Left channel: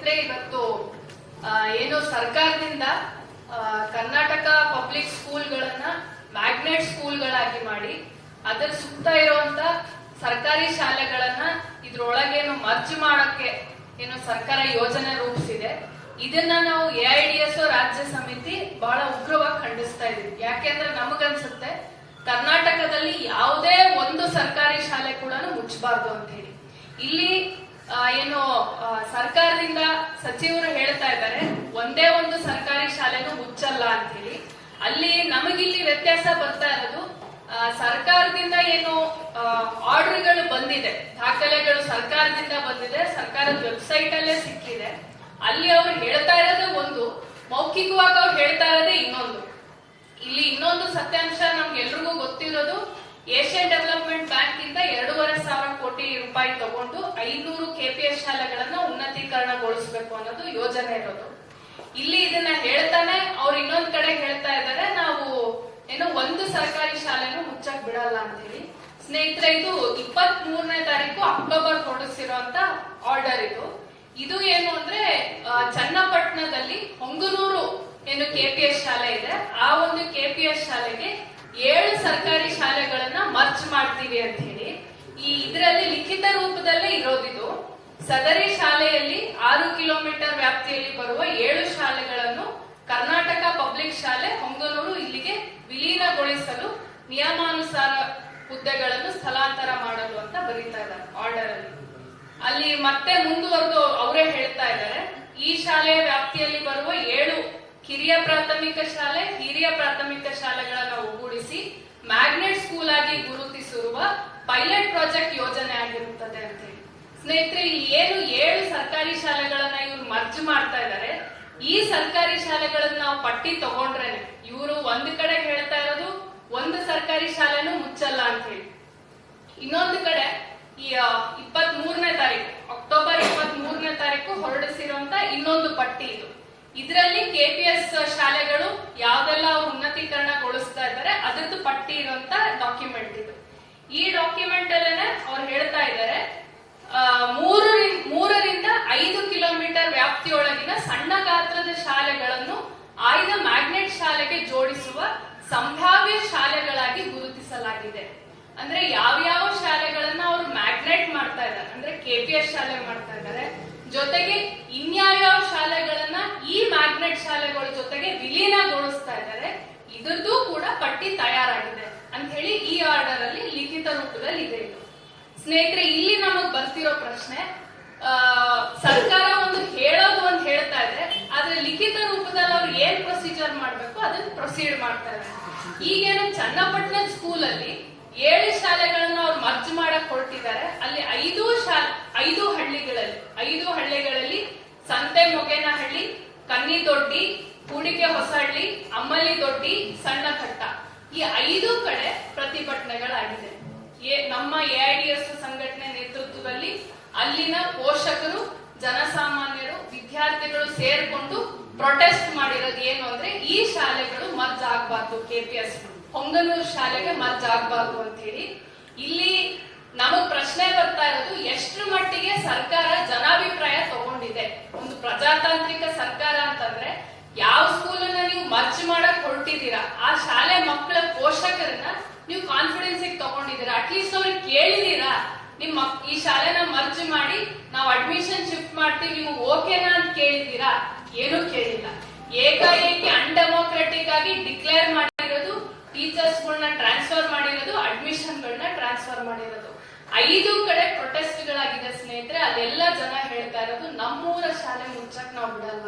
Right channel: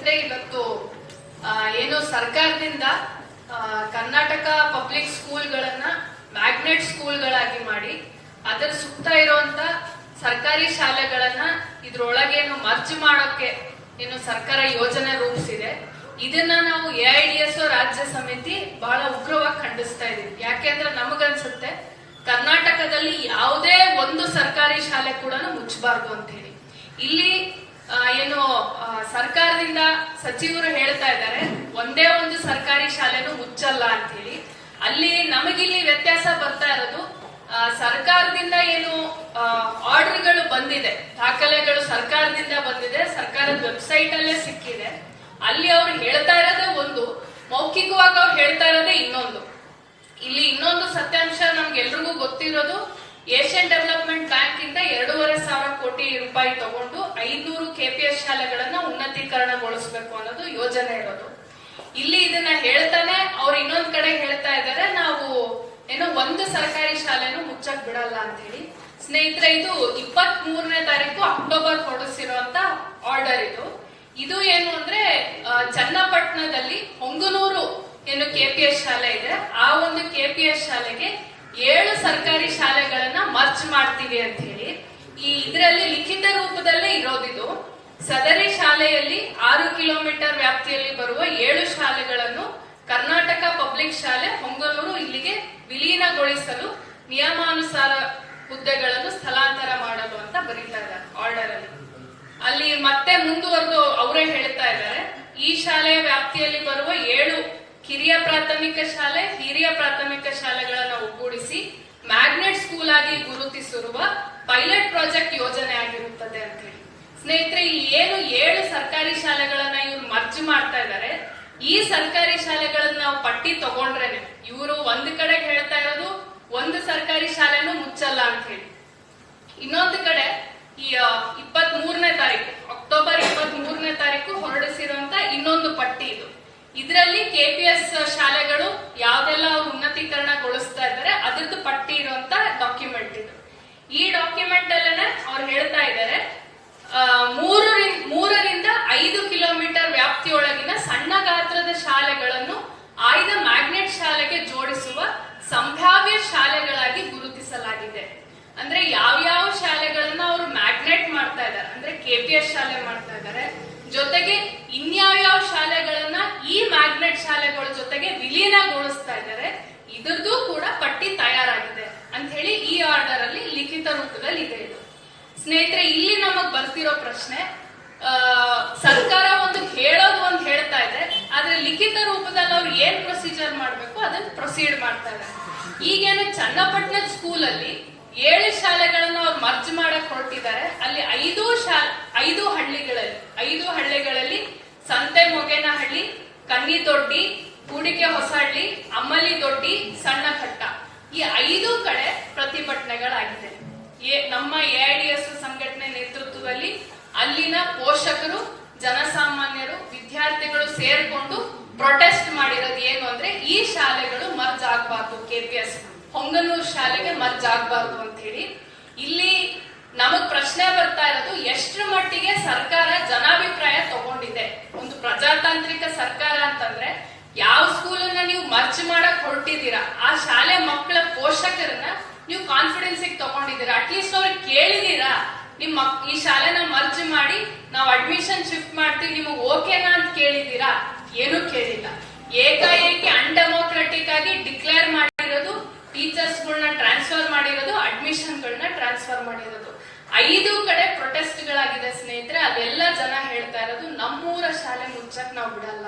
ಸ್ನೇಹಿತರೆ, ಇವತ್ತು ಏನು ಸರ್ಕಾರದಿಂದ ಕರ್ನಾಟಕ ಪಬ್ಲಿಕ್ ಸ್ಕೂಲ್ಗಳನ್ನ ಮ್ಯಾಗ್ನೆಟ್ ಸ್ಕೂಲ್ಗಳಾಗಿ ಮಾಡಿ ಅದರ ಸುತ್ತ ಇರುವಂತ ಸರ್ಕಾರಿ ಶಾಲೆಗಳನ್ನ ಇದ್ರೊಳಗೇನು ಮರ್ಜ್ ಮಾಡೋಕೆ ಏನು ಸರ್ಕಾರ ಯೋಜನೆ ರೂಪಿಸಿದೆ. ಇದನ್ನ ನಾವು AIDS ರಾಜ್ಯ ಸಮಿತಿ ಬಹಳ ಉಗ್ರವಾಗಿ ಖಂಡಿಸ್ತಾ ಇದೀವಿ. ಯಾಕೆಂದ್ರೆ ನಮಗನ್ಸುತ್ತೆ ಕರ್ನಾಟಕದಲ್ಲಿ ಯಾವುದೇ ಒಂದು ಸರ್ಕಾರಿ ಶಾಲೆ ಕೂಡ ಮುಚ್ಚಬಾರ್ದು ಅಂತ ಹೇಳಿ. ಇಲ್ಲಿ ಏನು ಸರ್ಕಾರದಿಂದ ಸಚಿವರು ಹೇಳ್ತಾ ಇದ್ದಾರೆ ಒಂದೇ ಒಂದು ಸರ್ಕಾರಿ ಶಾಲೆನೂ ಮುಚ್ಚಲ್ಲ ಅಂತ ಹೇಳಿ. ಅಲ್ಲಿ ನಮಗಿಲ್ಲಿ ವ್ಯತ್ಯಾಸ ಬರ್ತಾ ಇರೋದು, ಸರ್ಕಾರದಿಂದ ಏನು ಆರ್ಡರ್ಗಳು ಬಂದಿದೆ, ದಾಖಲೆಗಳು ಸರ್ಕಾರದಿಂದ ಬಂದಿದೆ, ಸರ್ಕಾರದ ವೆಬ್ಸೈಟ್ ಅಲ್ಲೇ ಸಿಕ್ಕಿದೆ. ಅಲ್ಲಿ ಅವ್ರು ಹೇಳ್ತಾ ಇರೋದೇ ಒಂದು, ಮೌಖಿಕವಾಗಿ ಅವ್ರು ಹೇಳ್ತಾ ಇರೋದೇ ಇನ್ನೊಂದು. ಇಲ್ಲಿ ಇನ್ನೊಂದು ಸತ್ಯಾಂಶ ನಮ್ಗೆಲ್ರಿಗೂ ಗೊತ್ತಿರೋದು, ಏಷ್ಯನ್ ಡೆವಲಪ್ಮೆಂಟ್ ಬ್ಯಾಂಕ್ ಇಂದ 2,500 ಕೋಟಿ ರೂಪಾಯಿ ತಗೊಂಡು 500 KPS ಶಾಲೆಗಳನ್ನ ಉನ್ನತೀಕರಣಗೊಳಿಸಬೇಕು ಅನ್ನೋದು ಯೋಜನೆ ಇರೋದು. ಇಲ್ಲಿ ಇದನ್ನ ಹೇಳ್ತಾನೆ ಅವ್ರು ಇನ್ನೊಂದ್ ಕಡೆ ಹೇಳ್ತಾ ಇದ್ದಾರೆ ನಾವು ಏನೋ ಒಂದು ಸರ್ಕಾರಿ ಶಾಲೆನೂ ಮುಚ್ಚಕ್ ಬಿಡಲ್ಲ ಅಂತ ಹೇಳಿ. ಸ್ನೇಹಿತರೆ, ಇದು 23ನೇ ತಾರೀಕು ಅಕ್ಟೋಬರ್ ಹೊರಡಿಸಿರುವಂತ ಆರ್ಡರ್ ಇದು ಏನು ಅಂದ್ರೆ ಚನ್ನಪಟ್ಟಣದಲ್ಲಿ ಹೊಂಗನೂರು ಏನು KPS ಶಾಲೆ ಇದೆ, ಆ ಒಂದು KPS ಶಾಲೆಗೆ 7 ಸರ್ಕಾರಿ ಶಾಲೆಗಳನ್ನ ಮರ್ಜ್ ಮಾಡ್ತೀವಿ ಅಂತ ಹೇಳಿ ಇದರಲ್ಲಿ ಲಿಖಿತ ರೂಪದಲ್ಲೇ ಇರೋದಿದು. ಸದರಿ ಶಾಲೆಯಲ್ಲಿ 6 ಕಿಲೋಮೀಟರ್ ವ್ಯಾಪ್ತಿಯಲ್ಲಿ ಬರುವ 7 ಶಾಲೆಗಳನ್ನು ಕರ್ನಾಟಕ ಪಬ್ಲಿಕ್ ಶಾಲೆ ಹೊಂಗನೂರು ಇಲ್ಲಿಗೆ ವಿಲೀನಗೊಳಿಸಲು ನಿಯಮಾನುಸಾರ ಹುದ್ದೆಗಳನ್ನು ಸ್ಥಳಾಂತರ ಮಾಡಲು ಅಂತ ಬರೀತಾ ಇದ್ದಾರೆ ಆರ್ಡರ್ ಅಲ್ಲಿ. ಅಲ್ಲಿ ಮತ್ತೆ ಮುಂದುವರೆದು ಅವರೇ ಹೇಳ್ತಾ ಇದ್ದಾರೆ, ಈ ಶಾಲೆಯ ವ್ಯಾಪ್ತಿಯಲ್ಲಿ ಬರುವ 7 ಕಿರಿಯ ಪ್ರಾಥಮಿಕ ಶಾಲೆ, ಹಿರಿಯ ಪ್ರಾಥಮಿಕ ಶಾಲೆಗಳನ್ನ ಒಗ್ಗೂಡಿಸಿ ಮ್ಯಾಗ್ನೆಟ್ ಸ್ಕೂಲ್ ಆಗಿ ಗುರುತಿಸಿರುವ ಪೈಲಟ್ ಪ್ರಾಜೆಕ್ಟ್ ಯೋಜನೆ ಆಗಿರುತ್ತದೆ ಅಂತ ಹೇಳಿ. ಸ್ನೇಹಿತರೆ, ಇಲ್ಲಿ ಏನು 7 ಸರ್ಕಾರಿ ಶಾಲೆಗಳನ್ನ ಇವ್ರು ಮರ್ಜ್ ಮಾಡ್ತಾ ಇದ್ದಾರೆ. ಈ ಸರ್ಕಾರಿ ಶಾಲೆಗಳನ್ನ ನಾವು ಪಟ್ಟಿ ತಗೊಂಡ್ರೇನೆ ಇವರು ಒಂದ್ ಕಡೆ ಹೇಳ್ತಾ ಇರೋದು ಒಂದು ಸರ್ಕಾರಿ ಶಾಲೆನೂ ಮುಚ್ಚಲ್ಲ ಅಂತ ಹೇಳಿ, ಇನ್ನೊಂದು ಕಡೆ ಈ 23ನೇ ತಾರೀಕು ಅಕ್ಟೋಬರ್ 23ನೇ ತಾರೀಕು ಹೊರಡಿಸಿರುವಂತ ಇನ್ನೊಂದು ಪಟ್ಟಿ ಇದು. ಇದರಲ್ಲಿ KPS ಶಾಲೆಗಳು ಯಾವ್ದೆಲ್ಲ ಅವ್ರು ಉನ್ನತೀಕರಣಗೊಳಿಸ್ತಾ ಇದ್ದಾರೆ ಅದ್ರದ್ದು ಪಟ್ಟಿ ಇರುವಂತ ಡಾಕ್ಯುಮೆಂಟ್ ಇದು. ಈ ಡಾಕ್ಯುಮೆಂಟ್ ಅಲ್ಲೇನೆ ಅವ್ರು ಹೇಳ್ತಾ ಇದ್ದಾರೆ 3ರಿಂದ 5 ಕಿಲೋಮೀಟರ್ ವ್ಯಾಪ್ತಿಯೊಳಗಿನ ಸಣ್ಣ ಗಾತ್ರದ ಶಾಲೆಗಳನ್ನು ಆಯ್ದ ಮ್ಯಾಗ್ನೆಟ್ ಶಾಲೆಗೆ ಜೋಡಿಸುವ ಸಂಭಾವ್ಯ ಶಾಲೆಗಳಾಗಿ ಗುರುತಿಸಲಾಗಿದೆ. ಅಂದ್ರೆ ಯಾವ್ಯಾವ ಶಾಲೆಗಳನ್ನ ಅವ್ರು ಮ್ಯಾಗ್ನೆಟ್ ಮಾಡ್ತಾ ಇದ್ದಾರೆ ಅಂದ್ರೆ KPS ಶಾಲೆ ಮಾಡ್ತಾ ಇದ್ದಾರೆ, ಜೊತೆಗೆ ಇನ್ಯಾವ್ಯಾವ ಶಾಲೆಗಳನ್ನ ಈ ಮ್ಯಾಗ್ನೆಟ್ ಶಾಲೆಗಳ ಜೊತೆಗೆ ವಿಲೀನಗೊಳಿಸ್ತಾ ಇದ್ದಾರೆ, ಇದ್ರದ್ದು ಕೂಡ ಪಟ್ಟಿ ತಯಾರಾಗಿದೆ ಅಂತ ಹೇಳಿ ಈ ಆರ್ಡರ್ ಅಲ್ಲಿ ಲಿಖಿತ ರೂಪದಲ್ಲಿ ಇದೆ. ಸ್ನೇಹಿತರೆ, ಇಲ್ಲಿ ನಮಗ್ ಬರ್ತಿರೋ ಪ್ರಶ್ನೆ, ಸರ್ಕಾರ ಒಂದು ಹೇಳೋದು ಒಂದು ಹೇಳ್ತಾ ಇದೆ, ಆದ್ರೆ ಲಿಖಿತ ರೂಪದಲ್ಲಿ ಅವ್ರು ಏನ್ ಪ್ರೊಸೀಜರ್ ಮಾಡ್ಬೇಕು ಅದನ್ನ ಪ್ರೊಸೀಡ್ ಮಾಡ್ತಾ ಇದ್ದಾರೆ. ಈಗೇನು ಚನ್ನಪಟ್ಟಣದ ಸ್ಕೂಲ್ ಅಲ್ಲಿ 7 ಶಾಲೆಗಳನ್ನ ಅವ್ರು ಮರ್ಜ್ ಮಾಡಕ್ ಹೊರಟಿದ್ದಾರೆ. ಅಲ್ಲಿ 5 ಹಳ್ಳಿಗಳಲ್ಲಿ ಸಂತೆ ಮೊಗೇನಹಳ್ಳಿ, ಕನ್ನಿದೊಡ್ಡಿ, ಕೂಡಿಕೆ ಹೊಸಹಳ್ಳಿ, ಅಮ್ಮಲಿ ದೊಡ್ಡಿ, ಸಣ್ಣ ಕಟ್ಟ, ಈ 5 ಕಡೆ ಪ್ರತಿಭಟನೆಗಳಾಗಿದೆ. ನಮ್ಮ AIDS ಸಂಘಟನೆ ನೇತೃತ್ವದಲ್ಲಿ ಅಲ್ಲಿನ ಪೋಷಕರು, ಜನಸಾಮಾನ್ಯರು, ವಿದ್ಯಾರ್ಥಿಗಳು ಸೇರ್ಕೊಂಡು ಪ್ರೊಟೆಸ್ಟ್ ಮಾಡಿರೋದು ಏನು ಅಂದ್ರೆ ಈ ಶಾಲೆಗಳು ಮರ್ಜ್ ಆಗ್ಬಾರ್ದು, KPS ಹೊಂಗನೂರು ಶಾಲೆಗೆ ಮರ್ಜ್ ಆಗ್ಬಾರ್ದು ಅಂತ ಹೇಳಿ. ಇಲ್ಲಿ ನಮಗ್ ಪ್ರಶ್ನೆ ಬರ್ತಾ ಇರೋದು, ಎಷ್ಟರ ಮಟ್ಟಿಗೆ ಸರ್ಕಾರ ಜನಾಭಿಪ್ರಾಯ ತಗೊಂಡಿದೆ. ಒಂದು ಪ್ರಜಾತಾಂತ್ರಿಕ ಸರ್ಕಾರ ಅಂತಂದ್ರೆ ಯಾವ ಸ್ಕೂಲನ್ನ ನೀವು ಮರ್ಜ್ ಮಾಡಕ್ ಹೊರಟಿದ್ದೀರಾ ಆ ಶಾಲೆ ಮಕ್ಕಳ ಪೋಷಕರನ್ನ ನೀವು ಕಾನ್ಫಿಡೆನ್ಸ್ ತಗೊಂಡಿದ್ದೀರಾ, ಅಟ್ಲೀಸ್ಟ್ ಅವ್ರಿಗೆ ಕೇಳಿದೀರಾ ನಿಮ್ ಈ ಶಾಲೆನ ಮರ್ಜ್ ಮಾಡಿ ನಾವು ಅಡ್ಮಿಷನ್ ಶಿಫ್ಟ್ ಮಾಡ್ತೀವಿ ನಿಮಗೆ ಓಕೆನಾ ಅಂತ ಕೇಳಿದೀರಾ? ಏನೂ ಕೇಳಿಲ್ಲ. ಏಕಾಏಕಿ ಅನ್ಡೆಮೋಕ್ರೆಟಿಕ್ ಆಗಿ ಡಿಕ್ಲೇರ್ ಮಾಡಿರೋದು, ಟೀಚರ್ಸ್ ಗಳನ್ನ ಟ್ರಾನ್ಸ್ಫರ್ ಮಾಡಿರೋದು, ಅಡ್ಮಿಷನ್ ಗಳನ್ನ ಟ್ರಾನ್ಸ್ಫರ್ ಮಾಡಿರೋದು. 5 ಕಡೆ ಪ್ರೊಟೆಸ್ಟ್ ಗಳಾಗಿದೆ ಸ್ನೇಹಿತರೆ. ಅವೆಲ್ಲ ಜನ ಹೇಳ್ತಾ ಇರೋದು ನಮ್ಮೂರ ಶಾಲೆ ಮುಚ್ಚಕ್ ನಾವು ಬಿಡಲ್ಲ,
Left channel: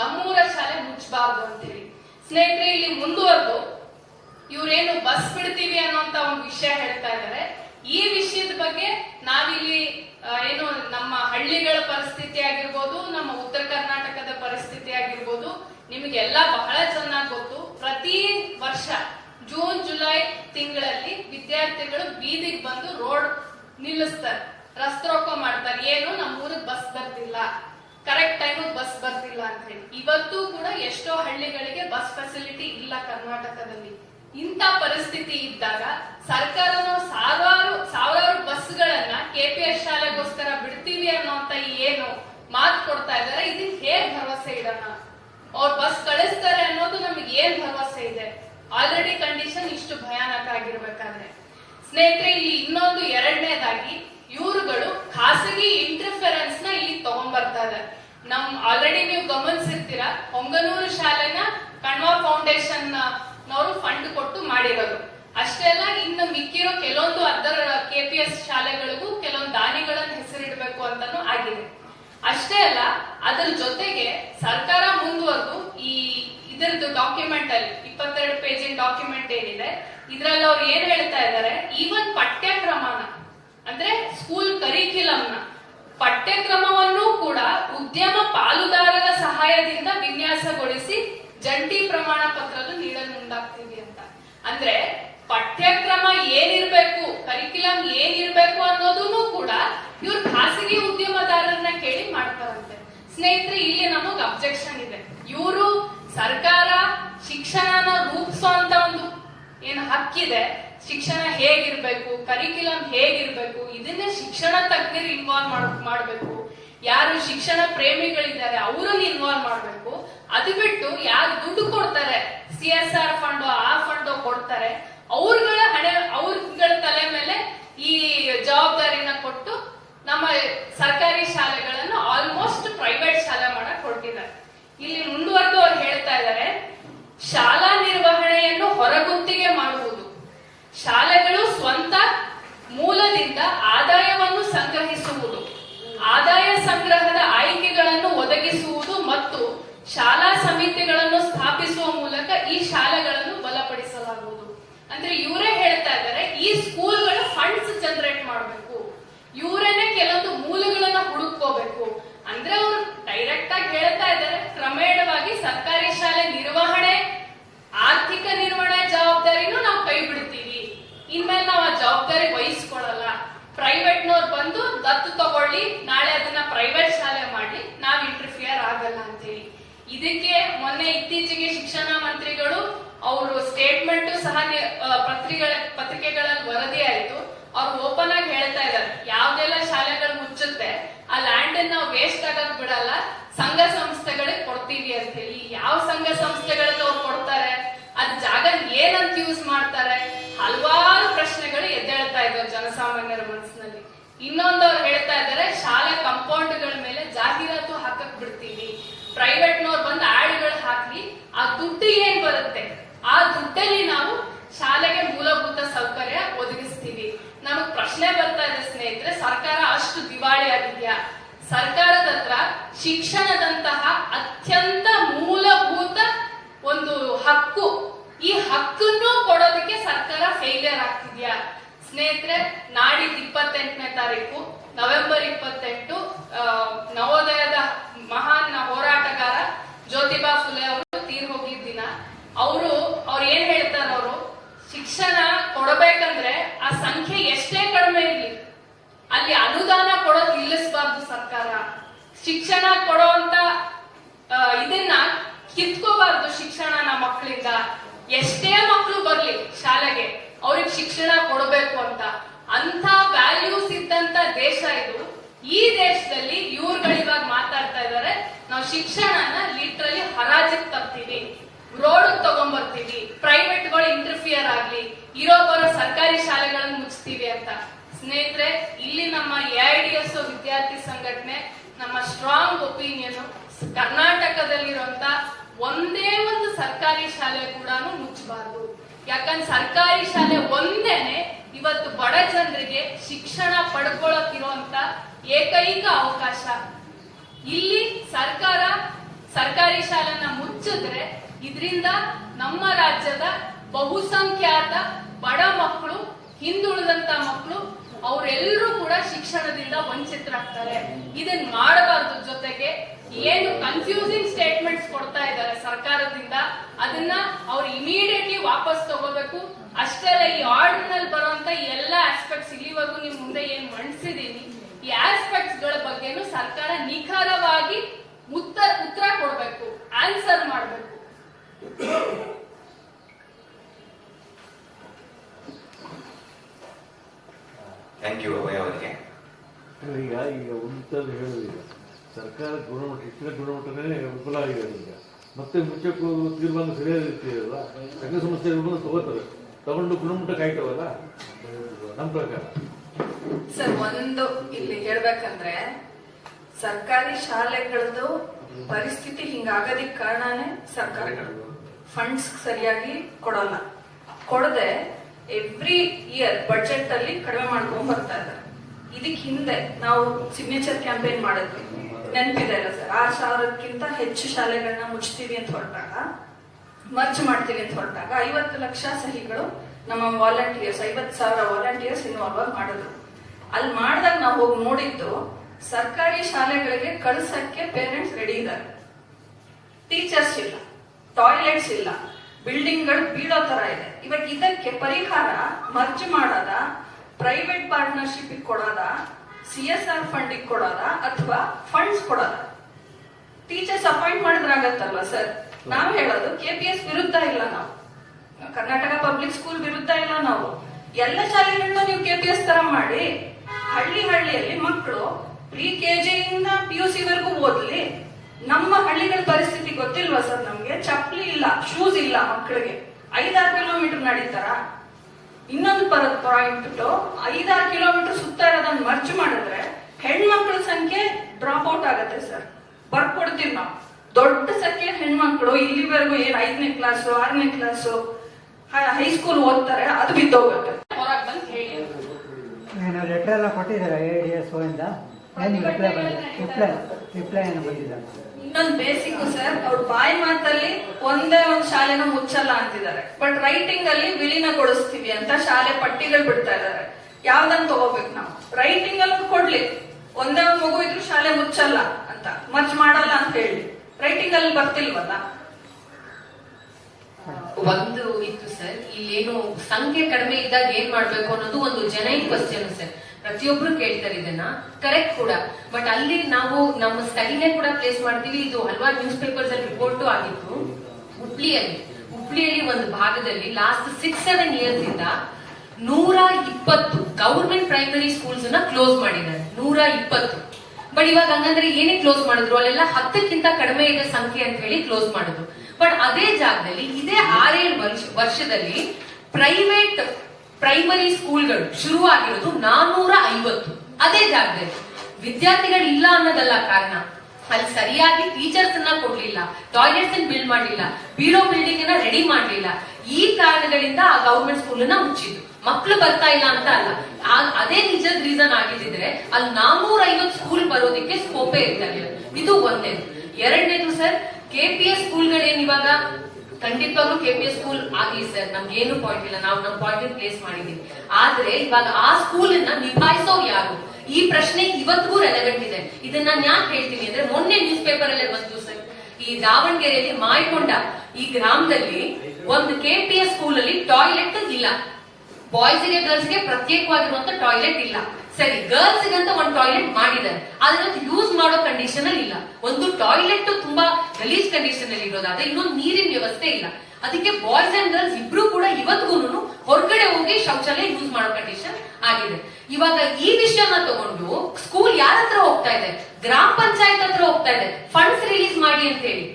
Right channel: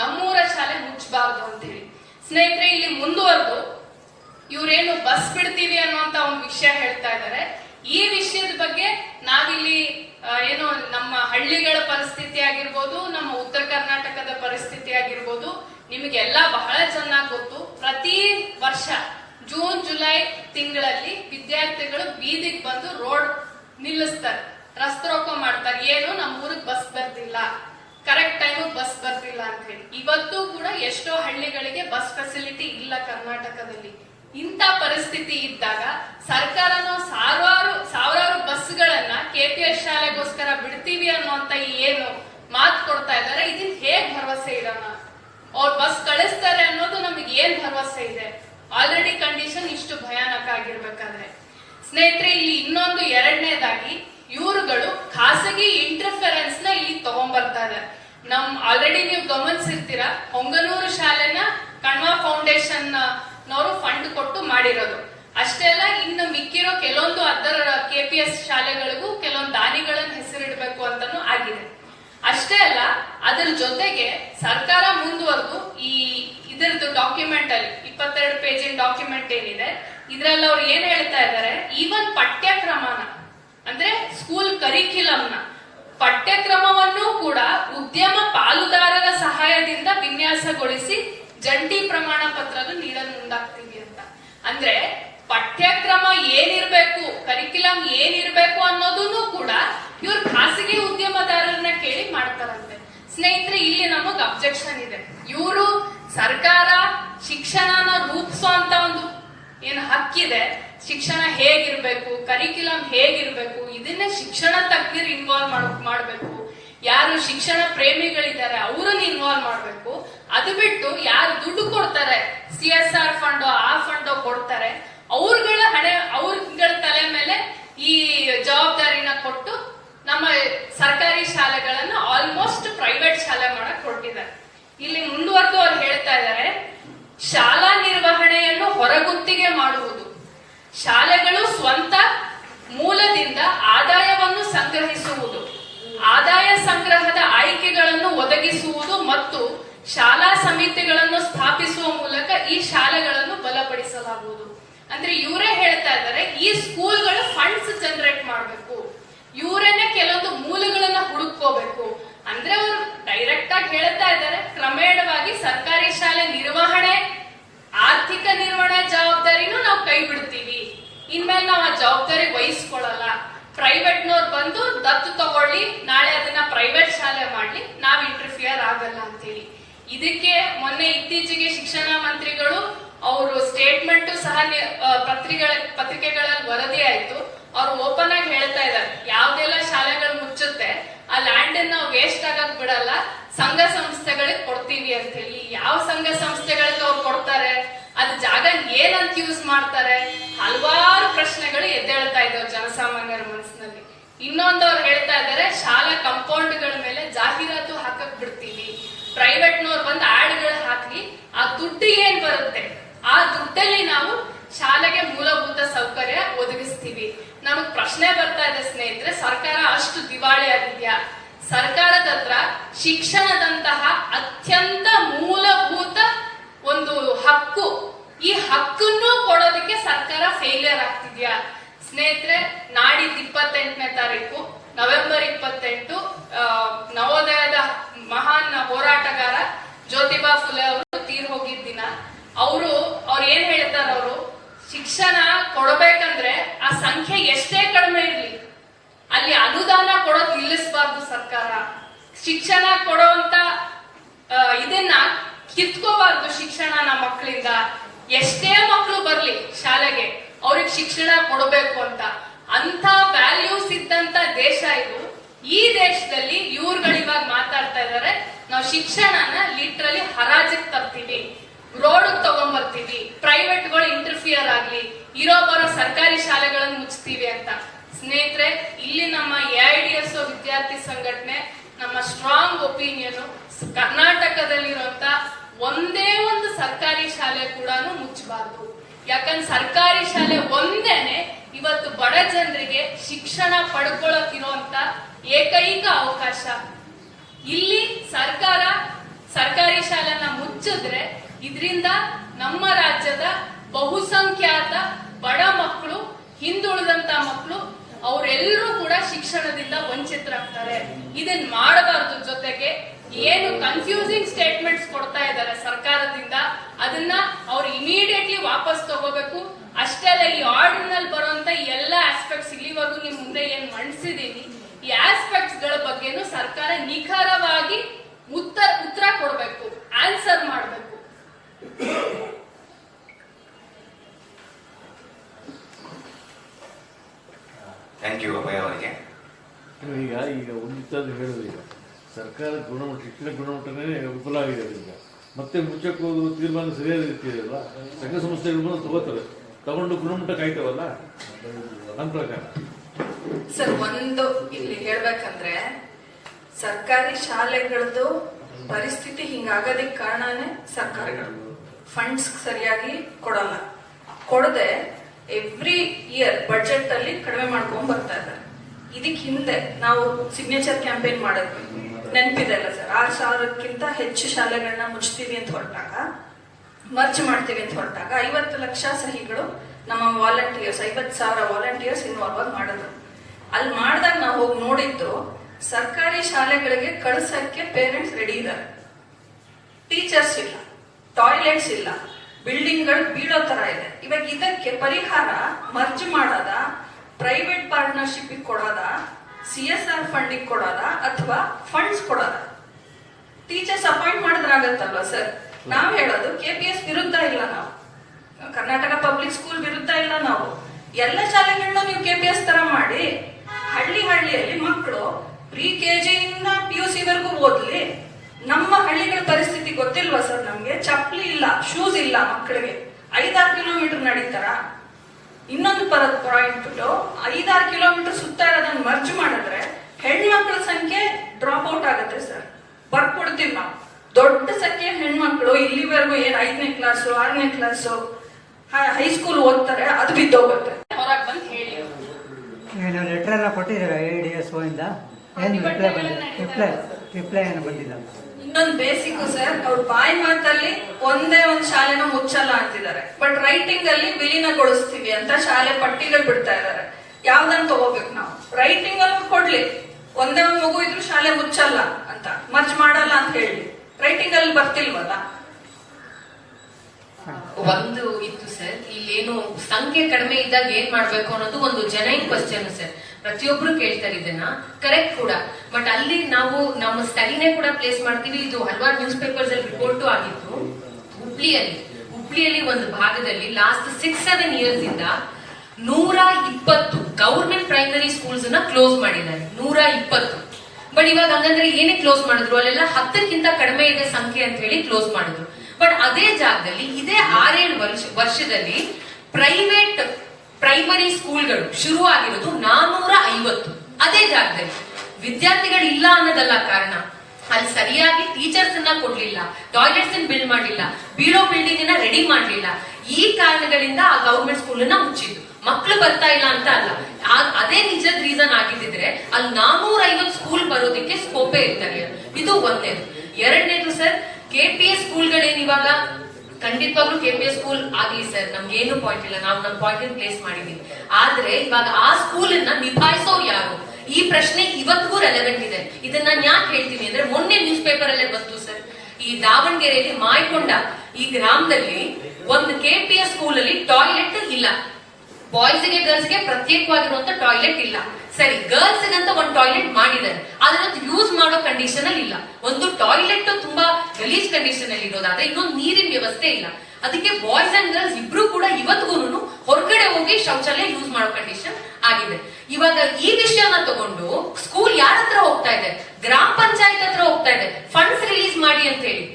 ನಮ್ಮೂರ ಶಾಲೆ ಮುಚ್ಚಬಾರ್ದು ಅಂತ ಹೇಳಿ. ಸ್ನೇಹಿತರೆ, ಇಲ್ಲಿ ಮುಂದುವರೆದು ಇವ್ರೇನು ಬಸ್ ಬಿಡ್ತೀವಿ ಅನ್ನೋಂತ ಒಂದು ವಿಷಯ ಹೇಳ್ತಾ ಇದ್ದಾರೆ. ಈ ವಿಷಯದ ಬಗ್ಗೆ ನಾವಿಲ್ಲಿ ಏನು ನಮ್ಮ ಹಳ್ಳಿಗಳ ಪರಿಸ್ಥಿತಿ ಆಗಿರ್ಬೋದು, ನಮ್ಮ ಉತ್ತರ ಕರ್ನಾಟಕದ ಪರಿಸ್ಥಿತಿ ಆಗಿರ್ಬೋದು, ನಿಮಗೆಲ್ಲ ಬಹಳ ಚೆನ್ನಾಗಿ ಗೊತ್ತು. ಪ್ರತಿ ವರ್ಷ ಜೂನ್ ಜುಲೈ ತಿಂಗಳಲ್ಲಿ ವಿದ್ಯಾರ್ಥಿಗಳು ಬೀದಿಗೆ ಬಂದು ರೋಡ್ ನಿಲ್ಲಿಸ್ತಾರೆ, ರಸ್ತೆರೋಕೋ ಮಾಡ್ತಾರೆ. ಏನು ನಮ್ಮೂರಿಗೆ ಬಸ್ ಬರ್ತಿಲ್ಲ, ಕರೆಕ್ಟ್ ಟೈಮಿಗೆ ಬಸ್ ಬರ್ತಿಲ್ಲ ಅಂತ ಹೇಳಿ. ಇವತ್ತು ಕೂಡ ಎಷ್ಟೋ ಹಳ್ಳಿಗಳಿಗೆ ಬಸ್ ಫೆಸಿಲಿಟಿ ಇಲ್ಲ ಕರ್ನಾಟಕದಲ್ಲಿ. ಇಂಥ ಪರಿಸ್ಥಿತಿ ಇದ್ದಾಗ ಸರ್ಕಾರನೋ ಸಾವಿರಾರು ಬಸ್ಗಳನ್ನ KPS ಶಾಲೆಗೋಸ್ಕರ ಬಿಡ್ತೀವಿ ಅನ್ನೋಂತ ಏನು ಮಾತು ಕೊಡ್ತಾ ಬರ್ತಾ ಇದಾರೆ, ಇದನ್ ಹೇಗ್ ಭರವಸೆ ಇಡೋಣ? ಅವ್ರು ಬಸ್ ಕಳಿಸ್ತಾರೆ ಅನ್ನೋದು ನಮಗೆ ಏನ್ ಭರವಸೆ ಇದೆ? ಆಲ್ರೆಡಿ ಕಂಡೀಷನ್ ಇಷ್ಟು ಭಯಾನಕ ಆಗಿರ್ಬೇಕಾದ್ರೆ. ಸ್ನೇಹಿತರೆ, ಇಲ್ಲಿ ಇನ್ನೊಂದು ಎರಡನೇದಾಗಿ ಇವರುಗಳು ಖಾಸಗಿ ಇಂಟರ್ಫರೆನ್ಸ್ ನ ಇಲ್ಲಿ ತಗೊಂಡ್ಬರ್ತಾ ಇದ್ದಾರೆ. ಆಲ್ರೆಡಿ ನೀವು ಗಮನಿಸಿರ್ತೀರಾ, ಹೊಂಗನೂರು ಶಾಲೆನ ಕಣ್ವಾ ಫೌಂಡೇಶನ್ ನವರು ಫಂಡ್ ಕೊಟ್ಟು ಮಾಡಿರೋದು. ಅಷ್ಟೇ ಅಲ್ಲ, ಇನ್ನು ಮಿಕ್ಕಿರೋ ಕೆಲವೊಂದು ಅದರ KPS ಶಾಲೆಗಳಿಗೂ ಕೆಲವೊಂದು ದಾನಿಗಳನ್ನ ಹೆಸರಿಡಬೇಕು ಅಂತಾನು ಆಗಿದೆ. ಅಷ್ಟೇ ಅಲ್ಲ, ಅದ್ರ ಜೊತೆಗೆ ಸರ್ಕಾರ ಮುಂದುವರೆದು ಇದರದ್ದು ಡಾಕ್ಯುಮೆಂಟ್ ಅಲ್ಲಿ 22 ಪೇಜಿನ ಡಾಕ್ಯುಮೆಂಟ್ ಏನಿದೆ, ಇದ್ರಲ್ಲಿ ಅವ್ರು ಏನ್ ಹೇಳ್ತಾ ಇದ್ದಾರೆ, ಈವನ್ ಪಠ್ಯಕ್ರಮನ ಅಂದ್ರೆ ಸ್ಕೂಲ್ ಕರಿಕ್ಯುಲಂನ ಪಠ್ಯಕ್ರಮವನ್ನು ಕೂಡ ಉದ್ಯಮ ಪಾಲುದಾರರ ಸಹಾಯದಿಂದ ವಿನ್ಯಾಸಗೊಳಿಸಿ ಜಂಟಿ ಪ್ರಮಾಣ ಪತ್ರ ನೀಡಲು ಮುಂದಾಗ್ತೀವಿ ಅಂತ. ಅಂದ್ರೆ ಪಠ್ಯಕ್ರಮ ಏನಿರ್ಬೇಕು, ಕರಿಕ್ಯುಲಂ ಏನಿರ್ಬೇಕು ಅನ್ನೋದನ್ನು ಕೂಡ ಇವ್ರು ಖಾಸಗಿ ಉದ್ಯಮದಾರರನ್ನ ಕೇಳಿ ಮಾಡ್ತಾರಂತೆ. ಸ್ನೇಹಿತರೆ, ಇಲ್ಲಿ ನಮಗ್ ಅಬ್ಜೆಕ್ಷನ್ ಇದೆ. ಇವರು ಸರ್ಕಾರ ಶಿಕ್ಷಣನ ರೂಪಿಸೋ ಅಂತ ಒಂದು ಏನು ಹಕ್ಕಿದೆ, ಶಿಕ್ಷಣ ಹೇಗಿರ್ಬೇಕು, ಕರಿಕ್ಯುಲಂ ಹೇಗಿರ್ಬೇಕು, ಇದನ್ನೇ ಶಿಕ್ಷಣ ತಜ್ಞರು ಇನ್ವಾಲ್ವ್ ಮಾಡ್ಬೇಕು. ಯಾರು ಶಿಕ್ಷಣ ಪ್ರೇಮಿಗಳಿದ್ದಾರೆ ಅವ್ರನ್ನ ಇನ್ವಾಲ್ವ್ ಮಾಡ್ಬೇಕು. ಅದು ಬಿಟ್ಟು ಯಾರು ದುಡ್ಡು ಕೊಡ್ತಾರೆ, CSR ಫಂಡ್ ಆ ಫಂಡ್ ಕೊಡ್ತಾರೆ, ಅವ್ರಗಳ ತಲೆ ಮೇಲೆ ಈ ಜವಾಬ್ದಾರಿನ ಕೊಟ್ಟು ನಮ್ಮ ಸರ್ಕಾರಿ ಶಾಲೆಗಳನ್ನ ಆಲ್ಮೋಸ್ಟ್ ಪ್ರೈವೇಟ್ ಶಾಲೆ ಮಾಡಕ್ ಹೊರಟಿದ್ದಾರೆ. ಇಲ್ಲಿ ಮುಂದುವರೆದು ಅವ್ರು ಹೇಳ್ತಾ ಇದ್ದಾರೆ, ಶಾಲಾ ನಿರ್ವಹಣೆಯನ್ನು ಹೊರಗುತ್ತಿಗೆ ಮಾಡುವುದು, ಶಾಲೆಗಳು ಸ್ವಂತ ಮೂಲದಿಂದ ಆದಾಯವನ್ನು ಸಂಗ್ರಹಿಸುವುದು, ಆದಾಯ ಸಂಗ್ರಹದ ಆಯ್ಕೆಗಳನ್ನು ಒದಗಿಸುವುದು ಮತ್ತು ಶಾಲಾ ಸಮಿತಿಗಳನ್ನು ಸ್ಥಾಪಿಸುವ ಮೂಲಕ ಈ ಶಾಲೆಗಳನ್ನು ಬಲಪಡಿಸಲಾಗುವುದು. ಅಂದ್ರೆ ಇವರೇ ಹೇಳ್ತಾ ಇದ್ದಾರೆ, ಈ ಸ್ಕೂಲ್ಗಳು ಫಂಡ್ಸ್ ಜನರೇಟ್ ಮಾಡಬೇಕು, ಇವರೇನೆ ಕೆಲವೊಂದು ಮೂಲಗಳನ್ನ ಹುಡುಕೋಬೇಕು. ಅಂದ್ರೆ ಅವರು ಡೈರೆಕ್ಟ್ ಆಗಿ ಹೇಳ್ತಾ ಇದ್ದಾರೆ, ಕ್ರಮೇಣವಾಗಿ ಸರ್ಕಾರಿ ಶಾಲೆ ನಿರ್ವಹಣೆ, ಆರ್ಥಿಕ ನಿರ್ವಹಣೆ ಜವಾಬ್ದಾರಿನೂ ನಾವು ಕೈ ಬಿಡ್ತೀವಿ, ಇನ್ಮೇಲೆ ನಾವು ಆ ಜವಾಬ್ದಾರಿ ವಹಿಸ್ಕೊಳ್ಳಲ್ಲ, ಪ್ರೈವೇಟ್ನವ್ರು ಬಂದು ದತ್ತು ತಗೊಳ್ಳಿ, ನಾಳೆ ಅದನ್ನ ಪ್ರೈವೇಟ್ ಶಾಲೆ ಮಾಡ್ಲಿ, ನಾವ್ ಇಂಟರ್ಫಿಯರ್ ಆಗಲ್ಲ ಅಂತೇಳಿ. ಇದಕ್ಕೆ ಮೊನ್ನೆ ಇತ್ತೀಚೆಗೆ ಶಿಕ್ಷಣ ಮಂತ್ರಿಗಳು ಅವರು ಸ್ಟೇಟ್ಮೆಂಟ್ ಸಹ ಪತ್ರಿಕೆಗಳಲ್ಲಿ ವರದಿ ಆಯ್ತು. ಅವ್ರು ಓಪನ್ ಆಗಿ ಹೇಳ್ತಾ ಇದ್ದಾರೆ, ಯಾವ್ದೆಲ್ಲ ಶಾಲೆಗಳು ಮುಚ್ಚುತ್ತೆ ಆ ಲ್ಯಾಂಡ್ ನಾವು ವೇಸ್ಟ್ ಆಗಕ್ ಬಿಡಲ್ಲ, ಸಂಘ ಸಂಸ್ಥೆಗಳಿಗೆ ಕೊಡ್ತೀವಿ ಅಂತ ಹೇಳಿ. ಯಾವ ಸಂಘ ಸಂಸ್ಥೆಗಳಿಗೆ ಅವ್ರು ಕೊಡ್ತಾರೆ, ಅದ್ ಜಾಗ ಏನಂತ ಯೂಸ್ ಮಾಡ್ತಾರೆ, ಹಲವಾರು ಪ್ರಶ್ನೆಗಳು ಎದ್ದೇಳ್ತಾ ಇದ್ದಾವೆ ಜನಸಾಮಾನ್ಯರ ಮನಸ್ಸಿನಲ್ಲಿ. ಇನ್ನೊಂದು ಅವ್ರು ಹೇಳ್ತಾ ಇದ್ದಾರೆ, ಶಾಲಾ ಕಂಪೌಂಡ್ಗಳ ಮೇಲೆ ಜಾಹೀರಾತು ಹಾಕಕ್ ಬಿಡ್ತೀವಿ, ಪ್ರೈವೇಟ್ನವ್ರು ಬಂದು ಆಡ್ಗಳು ಹಾಕಿ ಆ ದುಡ್ಡು ಏನ್ ಬರುತ್ತೆ ಆ ದುಡ್ಡಲ್ಲಿ ನಾವು ಶಾಲೆಗೆ ಮೂಲಭೂತ ಸೌಕರ್ಯ ಒದಗಿಸ್ತೀವಿ. ನಮಗ್ ಪ್ರಶ್ನೆ ಬರ್ತಾ ಇದೆ ಸ್ನೇಹಿತರೆ, ಸರ್ಕಾರ ಅಷ್ಟು ದಿವಾಳಿ ಆಗಿದ್ಯಾ? ಸರ್ಕಾರದ ಹತ್ರ ಶಿಕ್ಷಣದಂತಹ ಅತ್ಯಂತ ಮೂಲಭೂತ ಒಂದು ಹಕ್ಕು, ಈ ಹಕ್ಕನ್ನು ಕೊಡೋದಕ್ಕೆ ಸರ್ಕಾರ ಫೇಲಿಯರ್ ಆಗ್ತಿದ್ಯಾ? ಸ್ನೇಹಿತರೆ, ನಾಡಿದ್ದು 28ನೇ ತಾರೀಕು ನವೆಂಬರ್ 28 ನವೋದಯದ ಮಹಾನ್ ಹೋರಾಟಗಾರ ಜ್ಯೋತಿಬಾ ಫುಲೆ ಅವರು ತೀರ್ ಹೋಗಿದ್ದ ದಿನ. ಅವ್ರು ಏನ್ ಹೇಳ್ತಾರ, ಅವರು ಶಿಕ್ಷಣ ಕೊಡಬೇಕಂದ್ರೆ ಆ ಸಂಖ್ಯೆ ಎಷ್ಟೇ ಕಡಿಮೆ ಇರ್ಲಿ, ಅಲ್ಲಿ ಅನುದಾನ ಕೊಡೋದು ನಿಲ್ಲಿಸಬಾರ್ದು ಸರ್ಕಾರ. ಶಿಕ್ಷಣ ಕೊಡೋಂತ ಇದನ್ನ ಕಿತ್ಕೋಬಾರ್ದು ಶಿಕ್ಷಣನ ಮಕ್ಕಳಿಂದ. ಎಷ್ಟೇ ಮಕ್ಕಳು ಬರ್ಲಿ ಶಾಲೆಗೆ, ಅವ್ರಿಗೆ ಶಿಕ್ಷಣ ಕೊಡಬೇಕು ಅಂತ ವ್ಯಾಲ್ಯೂಸ್ ಇದ್ದಂತ ದೇಶ ಇದು. ಈ ದೇಶದಲ್ಲಿ ಇವ್ರುಗಳು ಇವಾಗ ಮಾತಾಡ್ತಾ ಇದಾರೆ, ನಾವು ಶಿಕ್ಷಣನ ಲಿಟ್ರಲಿ ಹರಾಜಿಗೆ ತರ್ತೀವಿ, ರೋಡ್ ತಗೊಂಡ್ಬರ್ತೀವಿ, ಪ್ರೈವೇಟ್ಗಳು ಇಂಟರ್ಫಿಯರ್ ಆಗ್ಲಿ, ಬರೋ ಸರ್ಕಾರಿ ಶಾಲೆಗಳನ್ನು ಮುಚ್ತೀವಿ ಅಂತ. ಸ್ನೇಹಿತರೆ, ಇಲ್ಲಿ ನಮ್ಮ AIDSO ವಿದ್ಯಾರ್ಥಿ ಸಂಘಟನೆ ನಮ್ಮ ಸ್ಟ್ರಾಂಗ್ ಒಪಿನಿಯನ್, ಕರ್ನಾಟಕದಲ್ಲಿರುವಂತ ಒಂದೇ ಒಂದು ಸರ್ಕಾರಿ ಶಾಲೆ ಕೂಡ ಮುಚ್ಚಬಾರ್ದು. ಯಾಕಂದ್ರೆ ಸರ್ಕಾರಿ ಶಾಲೆ ಒಂದೇನೆ ಇವತ್ತು ಬಡ ಜನರಿಗೆ ಶಿಕ್ಷಣ ಪಡ್ಕೊಳ್ಳೋಕಿರುವಂತ ಏಕೈಕ ಅವಕಾಶ. ಇಲ್ಲಿ ಸರ್ಕಾರ ಸರ್ಕಾರಿ ಶಾಲೆನ ಮುಚ್ಚಿದ್ರೆ ಇದರಿಂದ ನಮ್ಮ ರಾಜ್ಯದ ಬಹುಸಂಖ್ಯಾತ ಬಡ ಮಕ್ಕಳು, ಹಿಂದುಳಿದಂತ ಮಕ್ಕಳು, ಅವರೆಲ್ಲರೂ ಕೂಡ ಶಿಕ್ಷಣದಿಂದ ವಂಚಿತರಾಗ್ತಾರೆ. ಇದನ್ನ ಮಾಡಬಾರ್ದು. ಜೊತೆಗೆ ಏನು ಕನ್ಫ್ಯೂಸಿಂಗ್ ಸ್ಟೇಟ್ಮೆಂಟ್ಸ್ ಕೊಡ್ತಾ ಇದ್ದಾರೆ ಸರ್ಕಾರದಿಂದ, ಅದನ್ನ ಅವ್ರು ಇಮಿಡಿಯೇಟ್ಲಿ ವಾಪಸ್ ತಗೋಬೇಕು. ಅಷ್ಟೇ ಅಲ್ಲ, ಈ ಆರ್ಡರ್ ನಲ್ಲಿ ಬರುವಂತ ಎಲ್ಲ ಆಸ್ಪೆಕ್ಟ್ಸ್ ಇಲ್ಲಿವರೆಗೂ ನಿಮ್ ಮುಂದೆ ಏನ್ ಮಂಡಿಸಿದೀನಿ, ಈ ಆಸ್ಪೆಕ್ಟ್ಸ್ ಗಳ ಬಗ್ಗೆನೂ ಸರ್ಕಾರ ನಿಖರವಾಗಿ ಉತ್ತರ ಕೊಡ್ಬೇಕು, ಆನ್ಸರ್ ಮಾಡಬೇಕು. ಥ್ಯಾಂಕ್ ಯು ಅಭಯ ಅವರಿಗೆ. ಈಗ ಉಳಿತದ್ದು ಹೇಳಿದ್ರೆ ಸರ್ಕಾರ ಗುಣಮಟ್ಟ ಶಿಕ್ಷಣ ಗುಣಮಟ್ಟನೇ ವಿಫಲ ಆಗಿದೆ ಈಗ. ಮತ್ತೆ ಮುಚ್ಚಕ್ಕೆ ಹೋಗುವ ತೀರ್ಮಾನ ಸರಿಯಾದ ರೀತಿ ಇದೆಯಲ್ಲ, ಸಂಘ ಸಂಸ್ಥೆಗಳು ಬಂದು ತಗೋತಾರೆ, ತಗೊಂಡು ಗುಣಮಟ್ಟ ಕಾಯ್ತಾವಲ್ಲ ನನ್ನ ಪ್ರಕಾರ. ಸರ್, ಒಂದು ಇಲ್ಲಿ ಹೇಳ್ಬೇಕಂದ್ರೆ ಸರ್ಕಾರಿ ಶಾಲೆಗಳದ್ದು ಪರಿಸ್ಥಿತಿ ಹಿಂಗಾಗೋದಕ್ಕೆ ಕಾರಣನೇ ಸರ್ಕಾರಗಳು ಫಂಡ್ಸ್ ಸರಿಯಾಗಿ ಕೊಡಲ್ಲ. ಕೊಡದೆ ಎವ್ರಿ ಇಯರ್ ಬಜೆಟ್ ಅಲ್ಲಿ ಕಡಿಮೆ ಮಾಡ್ಕೊಂಡ್ ಬರ್ತಾ ಇದ್ದಾರೆ. ಇದಕ್ ಹಿಂದೆ ನಾವು ಸಿಗ್ನೇಚರ್ ಕ್ಯಾಂಪೇನ್ ಮಾಡಿದ್ವಿ, ನೆನಪಿದೆ ಅಲ್ಲ ಸರ್? 6,000ಕ್ಕಿಂತ ಹೆಚ್ಚು ಶಾಲೆಗಳನ್ನ ಮುಚ್ತೀವಿ ಅಂತ ಹೊರಟಾಗ, ಮರ್ಜ್ ಮಾಡ್ತೀವಿ ಅಂತ ಹೊರಟಾಗ 50 ಲಕ್ಷ ಸಹಿಗಳು ನಮ್ಮ ವಾಲಂಟಿಯರ್ಸ್, 50,000 ವಾಲಂಟಿಯರ್ಸ್ ಇನ್ವಾಲ್ವ್ ಆಗಿ ಮಾಡಿದ್ರು. ಅಲ್ಲಿ ಮಾಡಿದಾಗ ನಾವು ಹೋಗಿ ನೋಡಿದ್ದು, ಸರ್ಕಾರಿ ಶಾಲೆಗಳಿಗೆ ಕಳ್ಸಕ್ಕೆ ಪೇರೆಂಟ್ಸ್ ರೆಡಿ ಇದ್ದಾರೆ, ಟೀಚರ್ಸ್ ಇಲ್ಲ, ಟಾಯ್ಲೆಟ್ಸ್ ಇಲ್ಲ, ಬಿಲ್ಡಿಂಗ್ ಗಳು ಬೀಳೋ ತರ ಇದೆ. ಇವಾಗ ಇದಕ್ಕೆ ಪರಿಹಾರ ಮರ್ಜ್ ಮಾಡೋದ, ಪ್ರೈವೇಟ್ ಪಾರ್ಟ್ನರ್ಶಿಪ್ ಕೊಡೋದ, CSR ಫಂಡಿಗೆ ಕೊಡೋದ ಅಥವಾ ಫಂಡ್ಸ್ ಕೊಡೋದ? ಟೀಚರ್ಸ್ ಅಪಾಯಿಂಟ್ ಮಾಡಿದ್ರಾಗತ್ತಲ್ವಾ ಸರ್? ನಾವು ಹೇಳೋದು KPS ವಿರುದ್ಧ ಇಲ್ಲ, ನಾವು ಕರ್ನಾಟಕ ಪಬ್ಲಿಕ್ ಸ್ಕೂಲ್ ವಿರುದ್ಧ ಇಲ್ಲ. ನಾವು ಎಲ್ಲ ಶಾಲೆಗಳನ್ನ ನೀವು KPS ತರ ಮಾಡಿ, ಹಳ್ಳಿಯಲ್ಲಿ ಮಕ್ಕಳು ಪ್ರಿ KG ಇಂದ PUC ವರ್ಗೂ ಓದ್ಲಿ. ನಮ್ಮ ಹಳ್ಳಿಗಳ ಪರಿಸ್ಥಿತಿ ಗೊತ್ತಿಲ್ವಾ ಸರ್? ನಮ್ಗೆ ಚಪ್ಪಲಿ ಇಲ್ಲ, ಶೂಸ್ ಇಲ್ಲ, ಮಕ್ಕಳಿಗೆ 5-6 ಕಿಲೋಮೀಟರ್ ನಡೀತಾರ. ಇನ್ನೊಂದು ಪಾಯಿಂಟ್, 5-6 ಕಿಲೋಮೀಟರ್ ಸುತ್ತ ಇರೋದನ್ನ ಮರ್ಜ್ ಮಾಡಿದ್ರೆ ಹೆಣ್ಮಕ್ಳ ಸಂಖ್ಯೆ ಡ್ರಾಪ್ ಔಟ್ ಆಗುತ್ತೆ ಸರ್. ಬರ್ಕೊಡ್ತೀವಿ ನಾವು. ದೊಡ್ಡ ಸಂಖ್ಯೆ ಹೆಣ್ಮಕ್ಳು ಇಲ್ಲಿವರೆಗೂ ಏನ್ 5ನೇ ಕ್ಲಾಸು 6ನೇ ಕ್ಲಾಸು ಹೈಸ್ಕೂಲ್ ಓದ್ತಾರೆ, ಅದು ಬಿದ್ದೋಗುತ್ತೆ. ಹೊರಗೆ ಬಂದು ಹೇಳಿ. ನೀವು ಲೆಟರ್ ಎಲ್ಲ ಕೊಟ್ಟಿದ್ದೀರಾ ADSO ಇಂದ? ಏನು ರಿಪ್ಲೈ ಏನು ಬಂದಿಲ್ಲ? ಇನ್ನೊಂದು ಬೇಸಿಕ್ ಸರ್, ಅವ್ರು ಬಾಯಿ ಮಾತಲ್ಲಿ ಒಂದೇ ಒಂದು ಶಾಲೆನೂ ಮುಚ್ಚಲ್ಲ ಅಂತಿದ್ದಾರೆ, ಬಟ್ ರೈಟಿಂಗ್ ಅಲ್ಲಿ ವಿಲೀನಗೊಳಿಸ್ತೀವಿ ಅಂತ ಶಾಲೆ ಪಟ್ಟಿಗಳು ಬಿಡ್ತಾ ಇದ್ದಾರೆ. ಯಾವ್ದನ್ನ ತಗೋಬೇಕು ನಾವು? ರೈಟಿಂಗ್ ಅಲ್ಲಿ ಕೊಡ್ಲಿ, ಒಂದೇ ಒಂದು ಮಗು ಇದ್ರು ಶಾಲೆ ಮುಚ್ಚಲ್ಲ ಅಂತ, ಮರ್ಜ್ ಮಾಡಲ್ಲ ಅಂತ ಹೇಳಿ ರೈಟಿಂಗ್ ಅಲ್ಲಿ ಬರ್ತಿಲ್ವಲ್ಲ. ಒಂದು ಇತ್ತು ಸರ್, ಇಲ್ಲೇನು ಸಂಖ್ಯೆ ಕಡಿಮೆ ಇದ್ದಾಗ ಏನ್ ಮಾಡ್ಬೇಕು ಅನ್ನೋದು ಒಂದು ಜನೈನ್ ಕ್ವಶನ್ ಸರ್. ಪ್ರತಿಯೊಬ್ರು ಕೇಳ್ತಾರೆ ಇದನ್ನ, ಕರೆಕ್ಟ್ ಕೂಡ. ಬಟ್ ಅಲ್ಲಿ ನಾವು ನಮ್ಮ ಸ್ಟಡಿನೇ ಕೂಡ ಪ್ಲೇಸ್ ಮಾಡ್ತೀವಿ. ಇದು ಹಲವಾರು ನ್ಯೂಸ್ ಪೇಪರ್ಸ್ ಅಲ್ಲಿ ರಿಪೋರ್ಟು ಆಗಿತ್ತು. ಹುಬ್ಳಿಯಲ್ಲಿ ಒಂದು ಭಾಗದಲ್ಲಿ ಲಾಸ್ಟ್ 6-7 ಇಯರ್ಸ್ ಇಂದ 120 ಗವರ್ಮೆಂಟ್ ಪ್ರೈಮರಿ ಸ್ಕೂಲ್ಸ್ ಅನ್ನ ಕ್ಲೋಸ್ ಮಾಡಿದ್ದಾರೆ. 120. ಬಟ್ ಇವಾಗ ಹಂಗಂದ್ರೆ ಏನೇ ಕ್ಲೋಸ್ ಮಾಡಿದ್ರು? ಅಲ್ಲೆಲ್ಲ 10ಕ್ಕಿಂತ ಕಡಿಮೆ ಇದೆ ಸಂಖ್ಯೆ ಅಂತ ಹೇಳಿ ಕ್ಲೋಸ್ ಮಾಡಿದ್ರು. ಬಟ್ ಅದೇ ಜಾಗದಲ್ಲಿ ಇದೇ 6-7 ವರ್ಷದಲ್ಲಿ ಪ್ರೈವೇಟ್ ಪ್ರೈಮರಿ ಸ್ಕೂಲ್ಗಳು ಶುರು ಆಗಿರೋದು 450. ಅದೇ ಜಾಗದಲ್ಲಿ ವಿದ್ಯಾರ್ಥಿಗಳು ಇಲ್ಲ ಅನ್ನೋದಲ್ಲ ಕಾರಣ, ಅಲ್ಲಿ ಸರಿಯಾಗಿ ಟೀಚರ್ಸ್ ಅನ್ನ ಕೊಡ್ಲಿಲ್ಲ, ಟಾಯ್ಲೆಟ್ಸ್ ಅನ್ನ ಬಿಲ್ಡ್ ಮಾಡಲಿಲ್ಲ, ಬೀಳೋ ಬಿಲ್ಡಿಂಗ್ ಅನ್ನ ರೆಡಿ ಮಾಡಲಿಲ್ಲ. ಈ ಕಾರಣಗಳಿಂದ ಆ ಗವರ್ಮೆಂಟ್ ಸ್ಕೂಲ್ ಅನ್ನ ಮುಚ್ಚಿದ್ದು. ಮಕ್ಳು ಬರ್ತಾ ಇಲ್ಲ ಅಂತ ಅಲ್ಲ, ಅದೇ ನಿಜದ ರೀಸನ್ ಆಗಿದ್ರೆ ಅಲ್ಲಿ 450 ಸ್ಕೂಲ್ ಬರೋದಕ್ಕೆ ಸ್ಕೋಪೇ ಇರ್ತಾರೆ. ಇದು ಒಂದೇದು. ಎರಡನೇದು ಸರ್, KPS ಸ್ಕೂಲ್ಗಳೇನಿವಾಗ ಖಂಡಿತವಾಗ್ಲೂ KPS ಸ್ಕೂಲ್ ಆಗ್ಲಿ ಸರ್, ನಮ್ಗೆ ಏನು ಪಾಯಿಂಟ್ ಇಲ್ಲ, ನಾವು ನಮ್ಮ ಪಾಯಿಂಟ್ ಪ್ಲೇಸ್ ಮಾಡಿದೀವಿ. ಆದ್ರೆ ಇವಾಗ ಆ ಸ್ಕೂಲ್ ಅನ್ನ ನಿಭಾಯಿಸೋ ಯಾರು? ಈ ಪ್ರಶ್ನೆ ಇವತ್ತಿಗೂ ರೆಲೆವೆಂಟ್ ಇದೆ. ಇದನ್ನ ನಾನು ಯಾಕೆ ಹೇಳ್ತೀನಿ ಅಂದ್ರೆ, ಮೊನ್ನೆ ನ್ಯೂಸ್ ಪೇಪರ್ ಅಲ್ಲೇ ಬಂತು ಸರ್, ಈ ದಾವಣಗೆರೆಯಲ್ಲಿ ಮಾಯಕೊಂಡ ಈ ಗ್ರಾಮದಲ್ಲಿ ಒಂದು KPS ಸ್ಕೂಲ್ ಅಲ್ಲಿ ಟಾಯ್ಲೆಟ್ ಇಲ್ಲ. ಬಾಯ್ಸ್ ಗೆ ಗರ್ಲ್ಸ್ ಗೆ ಪ್ರತ್ಯೇಕವಾಗಿರುವಂತ ಟಾಯ್ಲೆಟ್ ಇಲ್ಲ. ಸರಿ, ಗರ್ಲ್ಸ್ ಗಂತ ಒಂದು ಟಾಯ್ಲೆಟ್ ಮಾಡಿದ್ದಾರೆ, ಅದನ್ನ ಯೂಸ್ ಮಾಡೋ ಕಂಡೀಷನ್ ಅಲ್ಲಿ ಇಲ್ಲ. ಒಂದು ಟಾಯ್ಲೆಟ್ ತುಂಬಾ ಗಲೀಜ್ ಕಂಡೀಷನ್ ಅಲ್ಲಿ ಇರೋದಾದ್ರೆ ಇನ್ನೊಂದು ನೀರಿನ ವ್ಯವಸ್ಥೆ ಇಲ್ಲ. ಅದಕ್ಕೆ ಬಾಯ್ಸ್ ಅಂಡ್ ಗರ್ಲ್ಸ್ ಇಬ್ರು ಕೂಡ ಇವತ್ತಿಗೂ ಹೊರಗಡೆ ಹೋಗಿ ಶೌಚಾಲಯ ಯೂಸ್ ಮಾಡೋ ಕಂಡೀಷನ್ ಆಗಿದೆ. ಇವಾಗ ಈ ವಿಷಯನ ತಗೊಂಡು ಸ್ಕೂಲ್ ಯಾರ ಹತ್ರ ಹೋಗ್ತಾ ಇದೆ? ಗ್ರಾಮ ಪಂಚಾಯತ್ ಹತ್ರ ಹೋಗ್ತಾ ಇದೆ, ಫಂಡ್ಸ್ ರಿಲೀಸ್ ಮಾಡಿ ಅಂತ ಹೇಳಿ.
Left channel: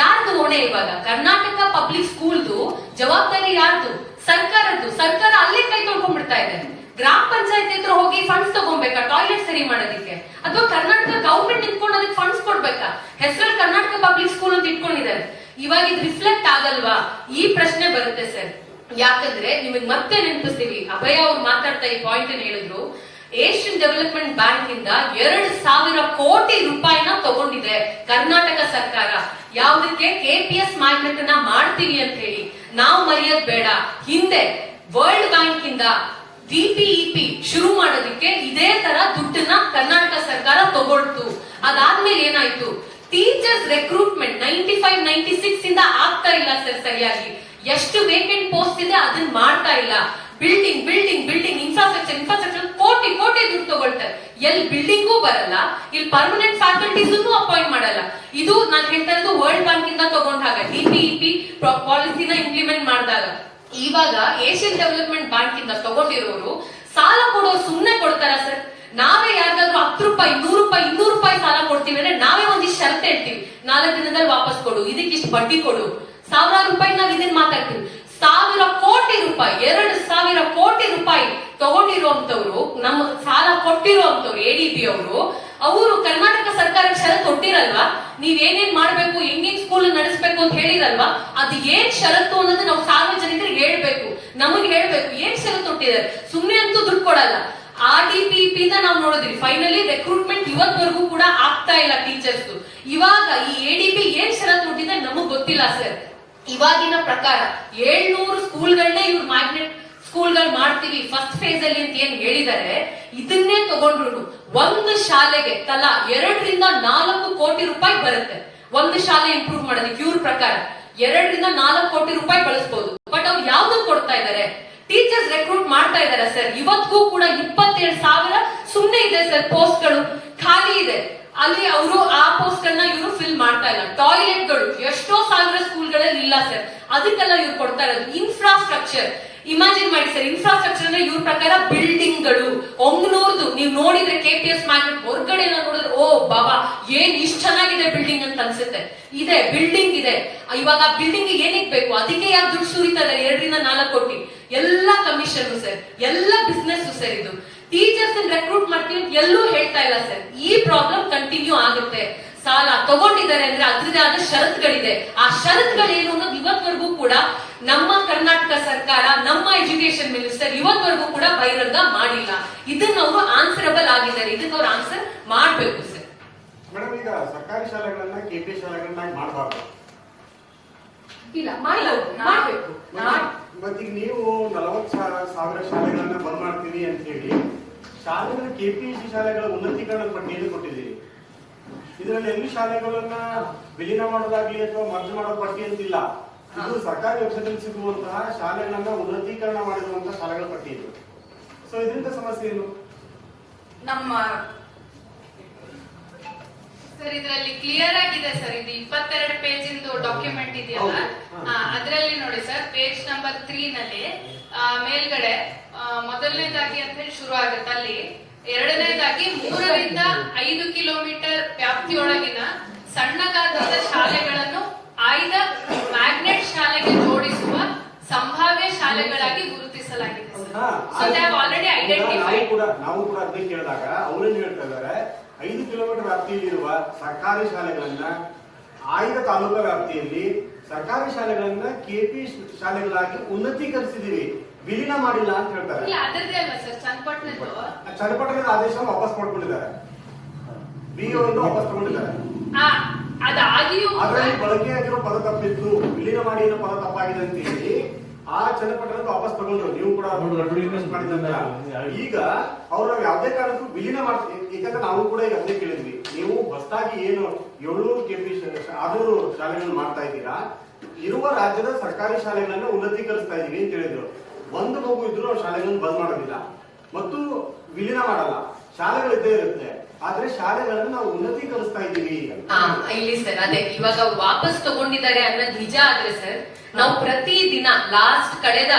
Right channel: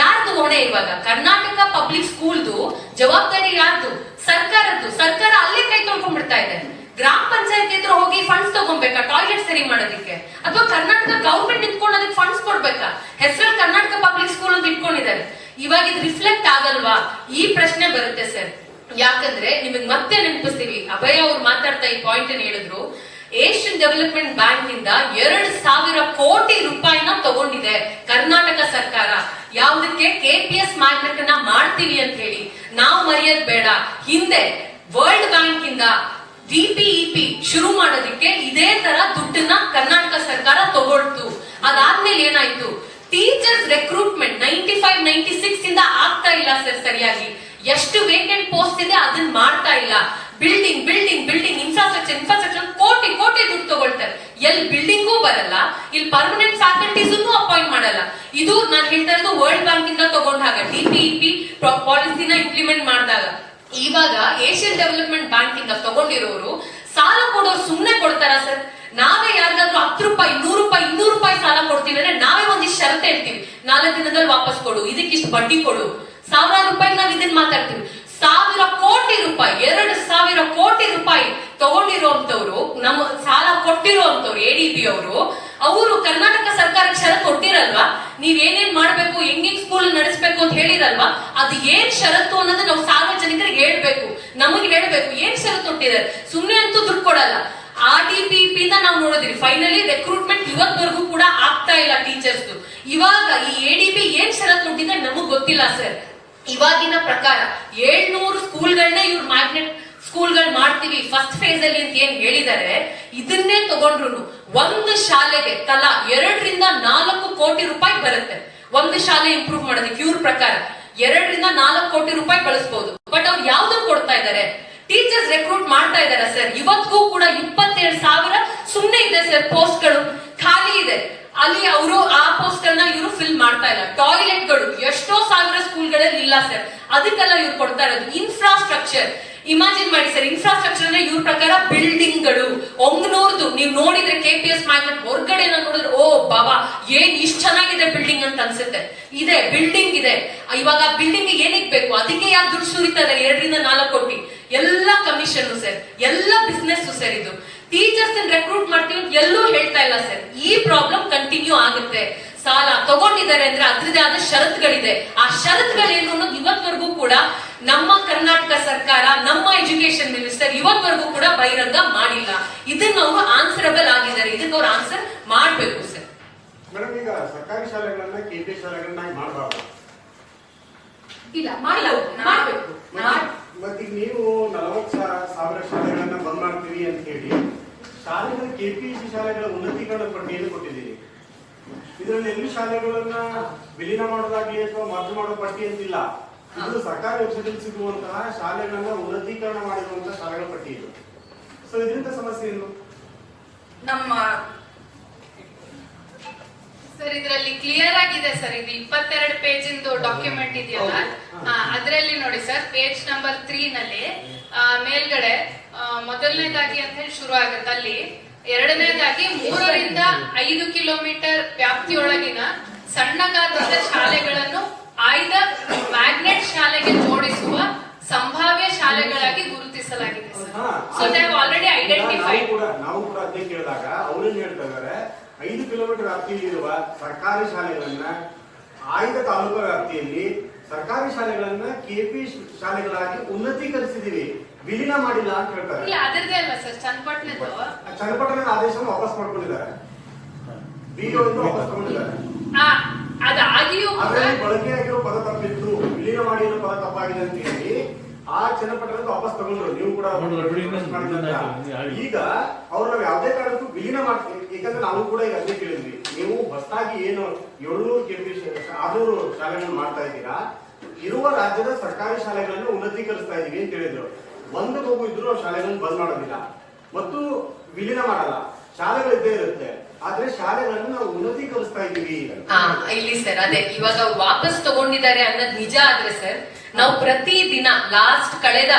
ಯಾರ್ದು ಹೊಣೆ ಇವಾಗ? ಕರ್ನಾಟಕ ಪಬ್ಲಿಕ್ ಸ್ಕೂಲ್ದು ಜವಾಬ್ದಾರಿ ಯಾರ್ದು? ಸರ್ಕಾರದ್ದು. ಸರ್ಕಾರ ಅಲ್ಲೇ ಕೈ ತೊಳ್ಕೊಂಡ್ಬಿಡ್ತಾ ಇದೆ. ಗ್ರಾಮ ಪಂಚಾಯತ್ ಹತ್ರ ಹೋಗಿ ಫಂಡ್ಸ್ ತಗೊಂಬೇಕಾ ಟಾಯ್ಲೆಟ್ ಸರಿ ಮಾಡೋದಕ್ಕೆ? ಅಥವಾ ಕರ್ನಾಟಕ ಗವರ್ಮೆಂಟ್ ಇಟ್ಕೊಂಡು ಅದಕ್ಕೆ ಫಂಡ್ಸ್ ಕೊಡ್ಬೇಕಾ? ಹೆಸರಲ್ಲಿ ಕರ್ನಾಟಕ ಪಬ್ಲಿಕ್ ಸ್ಕೂಲ್ ಅಂತ ಇಟ್ಕೊಂಡಿದ್ದಾರೆ. ಇವಾಗ ಇದು ರಿಫ್ಲೆಕ್ಟ್ ಆಗಲ್ವಾ? ಈ ಪ್ರಶ್ನೆ ಬರುತ್ತೆ ಸರ್. ಯಾಕಂದ್ರೆ ನಿಮಗೆ ಮತ್ತೆ ನೆನಪಿಸ್ತೀವಿ, ಅಭಯ ಅವ್ರು ಮಾತಾಡ್ತಾ ಈ ಪಾಯಿಂಟ್ ಹೇಳಿದ್ರು, ಏಷ್ಯನ್ ಡೆವಲಪ್ಮೆಂಟ್ ಬ್ಯಾಂಕ್ ಇಂದ 2,000 ಕೋಟಿ ರೂಪಾಯಿನ ತಗೊಂಡಿದೆ ಕರ್ನಾಟಕ ಸರ್ಕಾರ. ಯಾವ್ದಕ್ಕೆ? KPS ಮ್ಯಾಗ್ನೆಟ್ ಅನ್ನ ಮಾಡ್ತೀವಿ ಅಂತ ಹೇಳಿ. ನಾವು ಮರೆಯೋದ್ ಬೇಡ, ಹಿಂದೆ ವರ್ಲ್ಡ್ ಬ್ಯಾಂಕ್ ಇಂದ VPEP ಶುರು ಮಾಡೋದಕ್ಕೆ ಇದೇ ತರ ದುಡ್ಡನ್ನ ಕರ್ನಾಟಕ ಸರ್ಕಾರ ತಗೊಳ್ತು. ಅದಾದ್ಮೇಲೆ ಏನಾಯ್ತು? ಟೀಚರ್ಸ್ ರೆಕ್ರೂಟ್ಮೆಂಟ್ 95-96 ಇಂದ ಆಗ್ತಾ ಇಲ್ಲ ಸರ್ ಸರಿಯಾಗಿ. ಎಷ್ಟು ವೇಕೆಂಟ್ ಪೋಸ್ಟ್ ಇದೆ ಅದನ್ನ ಮಾಡ್ತಾ ಇಲ್ಲ. ಬಿಲ್ಡಿಂಗ್ ಇನ್ಫ್ರಾಸ್ಟ್ರಕ್ಚರ್ ಕೋಟಿ ದುಡ್ಡು ತಗೊಳ್ತಾರೆ. ಎಲ್ಲಿ ಬಿಲ್ಡಿಂಗೂ ಬರಲ್ಲ, ಇಲ್ಲಿ ಪರ್ಮನೆಂಟ್ ಫ್ಯಾಕಲ್ಟೀಸ್ ಅಪಾಯಿಂಟ್ ಮಾಡಲ್ಲ. ಇದು ನಾನು ಹೇಳ್ತಾ ಇರೋದು ವರ್ಲ್ಡ್ ಬ್ಯಾಂಕ್ ಇಂದ ತಗೊಂಡಾಗ, DPEP ಪಾಲಿಸಿನ ಇಂಪ್ಲಿಮೆಂಟ್ ಮಾಡಿದಾಗ. ಇವಾಗ ಏಷ್ಯನ್ ಡೆವಲಪ್ಮೆಂಟ್ ಬ್ಯಾಂಕ್ ಇಂದ ತಗೊಂಡಿರೋರು ಸಾಲ ಕೊಡೋರು ಸುಮ್ನೆ ಕೊಡ್ತಾರ ಸರ್? ನಾವೇ ಯಾರಿಗಾದ್ರೂ 10 ರೂಪಾಯಿ 100 ರೂಪಾಯಿ 200 ರೂಪಾಯಿ ಸಾಲ ಕೊಡ್ತೀವಿ ಅಂದ್ರೆ ನಾವೇ ಒಂದಿಷ್ಟು ಷರತ್ತು ಹೇಳ್ತೀವಿ, 4 ದಿನದಲ್ಲಿ ವಾಪಸ್ ಕೊಡು, ಇದಕ್ಕಿಷ್ಟು ಬಡ್ಡಿ ಕೊಡು, ಸಾವಿರಾರು ರೂಪಾಯಿ ನಾವ್ ಇದನ್ನ ಮಾತಾಡ್ತೀವಿ. 1000 ಕೋಟಿ ರೂಪಾಯಿ 2000 ಕೋಟಿ ರೂಪಾಯಿ ತಗೊಂಡಿರುವಂತವ್ರು, ನಮ್ಮ ಸಾಲ ಕೊಟ್ಟಿರುವಂತವ್ರು ADB ಅವರು ಕರ್ನಾಟಕ ಸರ್ಕಾರಕ್ಕೆ ಷರತ್ತು ಕೊಟ್ಟಿರಲ್ವಾ, ನೀವ್ ಏನೇನ್ ಮಾಡ್ಬೇಕು, ಹೆಂಗ್ ಸ್ಕೂಲ್ ನಡೆಸಬೇಕು ಅಂತ ಹೇಳಿರಲ್ವಾ, ಅದು ಏನ್ ಷರತ್ತು ಅನ್ನೋದು ನಾವು ಸಾರ್ವಜನಿಕರಿಗೆ ಹೇಳ್ಬೇಕು, ನಮಗೆ ಹೇಳ್ಬೇಕು ಏನ್ ಷರತ್ತು ಕೊಟ್ಟಿದ್ದಾರೆ. ಸುಮ್ನೆ ಅಂತೂ ದುಡ್ಡು ಕೊಡಲ್ಲ. RDPP ನಾವು ನೋಡಿದ್ವಿ, ಫೈನಲಿ ರೆಕ್ರೂಟ್ಮೆಂಟ್ ಇವತ್ವರೆಗೂ ಕೂಡ ಆಗ್ತಾ ಇಲ್ಲ ಟೀಚರ್ಸ್. ಇವಾಗ ಈ ADB ಏನ್ ಷರತ್ತು ಕೊಟ್ಟಿದೆ ನಮಗ್ ಗೊತ್ತಿಲ್ಲ ಸರ್. ಇವಾಗಿನ ಪ್ರಕಾರ 700 ಸ್ಕೂಲ್ಗಳನ್ನ ಇವ್ರು ಮ್ಯಾಗ್ನೆಟ್ ಸ್ಕೂಲ್ಗಳು ಮಾಡ್ತೀವಿ ಫಸ್ಟ್ ಫೇಸ್ ಅಲ್ಲಿ ಅಂತ ಏನ್ ಹೇಳಿದ್ದಾರೆ, ಇದನ್ನೇ ತಗೊಂಡ್ರು ಒಂದು ಶಾಲೆಗೆ ತಲಾ 2 ರಿಂದ 4 ಕೋಟಿ ರೂಪಾಯಿ ಬರುತ್ತೆ. ಒಂದು ಶಾಲೆ ಇಂಪ್ರೂವ್ ಮಾಡೋದಕ್ಕೆ ಇವ್ರ ಪ್ರಕಾರ 2 ರಿಂದ 4 ಕೋಟಿ ರೂಪಾಯಿ ಬಳಸಬಹುದು. ಬಟ್ ಅವ್ರು ಯಾವ್ದನ್ನ ಕೊಡ್ತಾ ಇದ್ದಾರೆ, ಟೀಚರ್ಸ್ ರೆಕ್ರೂಟ್ ಮಾಡ್ತಾ ಇದಾರೆ ಸರ್. ಇವತ್ತಿಗೂ ಕೂಡ 27,000 ಸುಮ್ನೆ ಇದೆ ಸರ್, ಪೋಸ್ಟ್ ಗಳು ಖಾಲಿ ಇದೆ. ಅಲ್ಲಿ ಅವರು ಆ ಪೋಸ್ಟ್ ಗಳನ್ನ ಇವರು ಫಿಲ್ ಮಾಡ್ತಾ ಇಲ್ಲ. ಟಾಯ್ಲೆಟ್ ಗಳು ಎಷ್ಟೋ ಸಾವಿರ ಸ್ಕೂಲ್ಗಳಲ್ಲಿ ಇಲ್ಲ ಸರ್, ಅದಕ್ಕೆಲ್ಲ ಇವ್ರು ಕೊಡ್ತಾ ಇರೋದು. ಇನ್ಫ್ರಾಸ್ಟ್ರಕ್ಚರ್ ಇಮ್ಯಾಜಿನ್ ಮಾಡಿ ಸರ್, ಇನ್ಫ್ರಾಸ್ಟ್ರಕ್ಚರ್ ಅಂದ್ರೆ ಇವ್ರ ಪ್ರಕಾರ ಬಿಲ್ಡಿಂಗ್ ಗಳು ಒಂಗ್ನೂರ್ದು ನೀವು ನೋಡಿದ್ರೆ KPS ಮ್ಯಾಗ್ನೆಟ್ ಹೊರಗಡೆ ನೋಡಿದ್ರೆ ಓ ಬಾಬಾ ಏನ್ ಇಷ್ಟ ಚೆನ್ನಾಗಿದೆ ಬಿಲ್ಡಿಂಗ್ ಅಂತ ಅನ್ಸುತ್ತೆ. ಇದೆ ಬಿಲ್ಡಿಂಗ್ ಇದೆ. ಇವಾಗ ಬಿಲ್ಡಿಂಗ್ ಏನಕ್ಕೆ ಬೇಕು, ಅದಕ್ಕೆ ಯಾಕೆ ದುಡ್ಡು ಸುರಿತಾ ಇದಾರೆ 2 ರಿಂದ 4 ಕೋಟಿ. ಎಲ್ಲ ಕಮಿಷನ್ ಸರ್, ಎಲ್ಲ ಬಿಸ್ನೆಸ್ ಸರ್. ಇದು ಟೀಚರ್ಸ್ ರೆಕ್ರೂಟ್ ಮಾಡ್ತೀವಿ ಎಲ್ಲೂ ಹೇಳ್ತಾ ಇಲ್ಲ ಸರ್. ಈ ಪ್ರಾಬ್ಲಮ್ ಕಂಟಿನ್ಯೂ ಆಗುತ್ತೆ. ಸಾಲ ತಗೊಂಡಿದ್ದಾರೆ ಅಂದ್ರೆ ಅದ್ರದೇ ಆದ ಷರತ್ತುಗಳಿದೆ. ಆ ಷರತ್ತುಗಳೇನು ಅನ್ನೋದು ಇವತ್ವರೆಗೂ ಕೂಡ ನಮ್ಮ ಕರ್ನಾಟಕ ಸರ್ಕಾರ, ನಮ್ಮ ಎಜುಕೇಶನ್ ಮಿನಿಸ್ಟರ್ ಇವತ್ವರೆಗೂ ಕೂಡ ಬಹಿರಂಗ ಮಾಡಿಲ್ಲ. ಇದನ್ನ ಅವರು ಆನ್ಸರಬಲ್ ಆಗಿದ್ದಾರೆ, ಇದಕ್ಕೆ ಅವ್ರು ಆನ್ಸರ್ ಮಾಡ್ಬೇಕು ಸರ್. ಮೇಡಮ್, ಈಗ ಸರ್ಕಾರಿ ಶಾಲೆಗಳನ್ನ KPS ಶಾಲೆಗಳನ್ನ ಮಾಡಬಾರ್ದು, ಇಲ್ಲ ಮಾಡ್ಬೇಕು. ಮತ್ತೀಗ ನೀವು 40,000 ಶಾಲೆಗಳನ್ನ ಬಂದ್ ಮಾಡ್ತೀವಿ ಅಂತ ಹೇಳಿ ಶಾಲೆಗಳ KPSC ಶಾಲೆಗಳ ಉನ್ನತೀಕರಣ ಪಟ್ಟಿಯನ್ನು ಕೊಟ್ಟಿದ್ದೀರಿ. ಇದರಲ್ಲಿ ಎಲ್ಲಿ ಶಾಲೆಗಳನ್ನ ವಿಲೀನ ಮಾಡೋದಾಗ್ಲಿ ಅಥವಾ ಮರ್ಜ್ ಮಾಡೋ ಪಟ್ಟಿ ಅಂತಿಲ್ಲ. ಇದು ಸರ್ಕಾರಿ ವೆಬ್ಸೈಟ್ ಸಿಗುವಂತಹ ಶಾಲೆಗಳನ್ನ ಉನ್ನತೀಕರಣ ಮಾಡಿರುವಂತಹ ಶಾಲೆಗಳ ಪಟ್ಟಿ ಇದು. ಸೊ ಇದರಿಂದ ಸಮಸ್ಯೆ ಏನು? ನಮ್ಮ ಸರ್ ಇದರಲ್ಲಿ ಕ್ಲಿಯರ್ ಆಗಿದೆ ಸರ್. ಇದು 22 ಪೇಜ್ ಇಂದು ಡಾಕ್ಯುಮೆಂಟ್ ಇದೆಯಲ್ಲ, ಅದರಲ್ಲಿ ನೋಡಿ ಸರ್, ಪೇಜ್ ನಂಬರ್ 3 ನಲ್ಲಿ ಮೇಲ್ಗಡೆ ಮೊದಲನೇದಾಗಿ ಅಂತ ಹೇಳಿ ಶುರು ಆಗುತ್ತೆ. ಅಲ್ಲಿ ಎರಡನೇದಾಗಿ 3 ರಿಂದ 5 ಕಿಲೋಮೀಟರ್ ವ್ಯಾಪ್ತಿಯೊಳಗಿನ ಸಣ್ಣ ಗಾತ್ರದ ಶಾಲೆಗಳನ್ನು ಆಯ್ದ ಮ್ಯಾಗ್ನೆಟ್ ಶಾಲೆಗೆ ಜೋಡಿಸುವ ಸಂಭಾವ್ಯ ಶಾಲೆಗಳಾಗಿ ಗುರುತಿಸಲಾಗಿದೆ sir. So they have already identified. ನಾವು ಕೂಡ ಅದನ್ನೇ ಕೇಳಿದಾಗ ಅವ್ರೇನ್ ಹೇಳ್ತಾ ಇದ್ದಾರೆ, 5 ಕಿಲೋಮೀಟರ್ ವ್ಯಾಪ್ತಿಯಲ್ಲಿರುವ ಸರ್ಕಾರಿ ಶಾಲೆಗಳನ್ನ ಆಯ್ದ ತಾಲೂಕಾ ವ್ಯಾಪ್ತಿಯಲ್ಲಿ ಸರ್ಕಾರಿ ಶಾಲೆಗಳನ್ನ KPS ಶಾಲೆಗಳಾಗಿ ಉನ್ನತೀಕರಿಸಿದೀವಿ, ವಿಲೀನ ಮಾಡಿಲ್ಲ ಅಂತ ಹೇಳ್ತಾರೆ. ಇಲ್ಲ ಅದರದೇ ಅಲ್ಲ ಸರ್, ಚನ್ನಪಟ್ಟಣದ ಆದೇಶವನ್ನು ವಾಪಸ್ ಮಾಡ್ಕೊಂಡಿದ್ದಾರೆ, BO ವಾಪಸ್ ತಗೊಂಡಿದ್ದಾರೆ. ಅದಾಗಿಯೂ ಅದರಲ್ಲಿ ಬಳಕೆಯಾಗಿರೋ ಪದ ತಪ್ಪಿತ್ತು, ವಿಲೀನ ಮಾಡಿ ಏನೋ ಪದ ತಪ್ಪಾಗಿದೆ ಅಂತ ಹೇಳಿ ಆ ಚನ್ನಪಟ್ಟಣದ ವಾಪಸ್ ತಗೊಂಡ್ರು. ನೀವು ಕೂಡ ಈಗ ಅವ್ರು ನಾವು ಯಾವುದೇ ಕಾರಣಕ್ಕೂ ವಿಲೀನ ಮಾಡ್ತೀವಿ. ಯಾಕಂದ್ರೆ ನಾವು ಕೂಡ ಈಗ ಅದೇ ಕೇಳಿದ್ವಿ, ನೀವು ಹೊಸದಾಗಿ ಏನು 700 KPS 600 ಶಾಲೆಗಳನ್ನು ಮಾಡ್ತಾ ಇದ್ದೀರಾ, ಇರುವ ರಾಜ್ಯದ ಸರ್ಕಾರಿ ಶಾಲೆಗಳನ್ನ ಉನ್ನತೀಕರಿಸ್ತಾ ಇದೀವಿ ಅಂತ ಹೇಳಿದ್ರು. ಒಂದು ಮಗು ಇದ್ರು ಶಾಲೆಗಳನ್ನು ಬಂದ್ ಮಾಡೋದಿಲ್ಲ ಮತ್ತು ವಿಲೀನ ಮಾಡಲ್ಲ, ಶಾಲೆಗಳಿದ್ದೇ ಇರುತ್ತೆ. ಆದ್ರೆ ಶಾಲೆಗಳನ್ನು ನಾವು ಉನ್ನತೀಕರಿಸ್ತಾ ಇದೀವಿ. ಇಲ್ಲಿ ಸರ್ ಅದೇ ಇವಾಗ ಅವ್ರು ವಾಪಸ್ ತಗೊಂಡಿದ್ದಾರೆ ಅನ್ನೋದು ನಿಜ ಆದ್ರೆ ಸರ್, ನಾವು ಪ್ರತಿ ದಿನ ಲಾಸ್ಟ್ ಕಳೆದ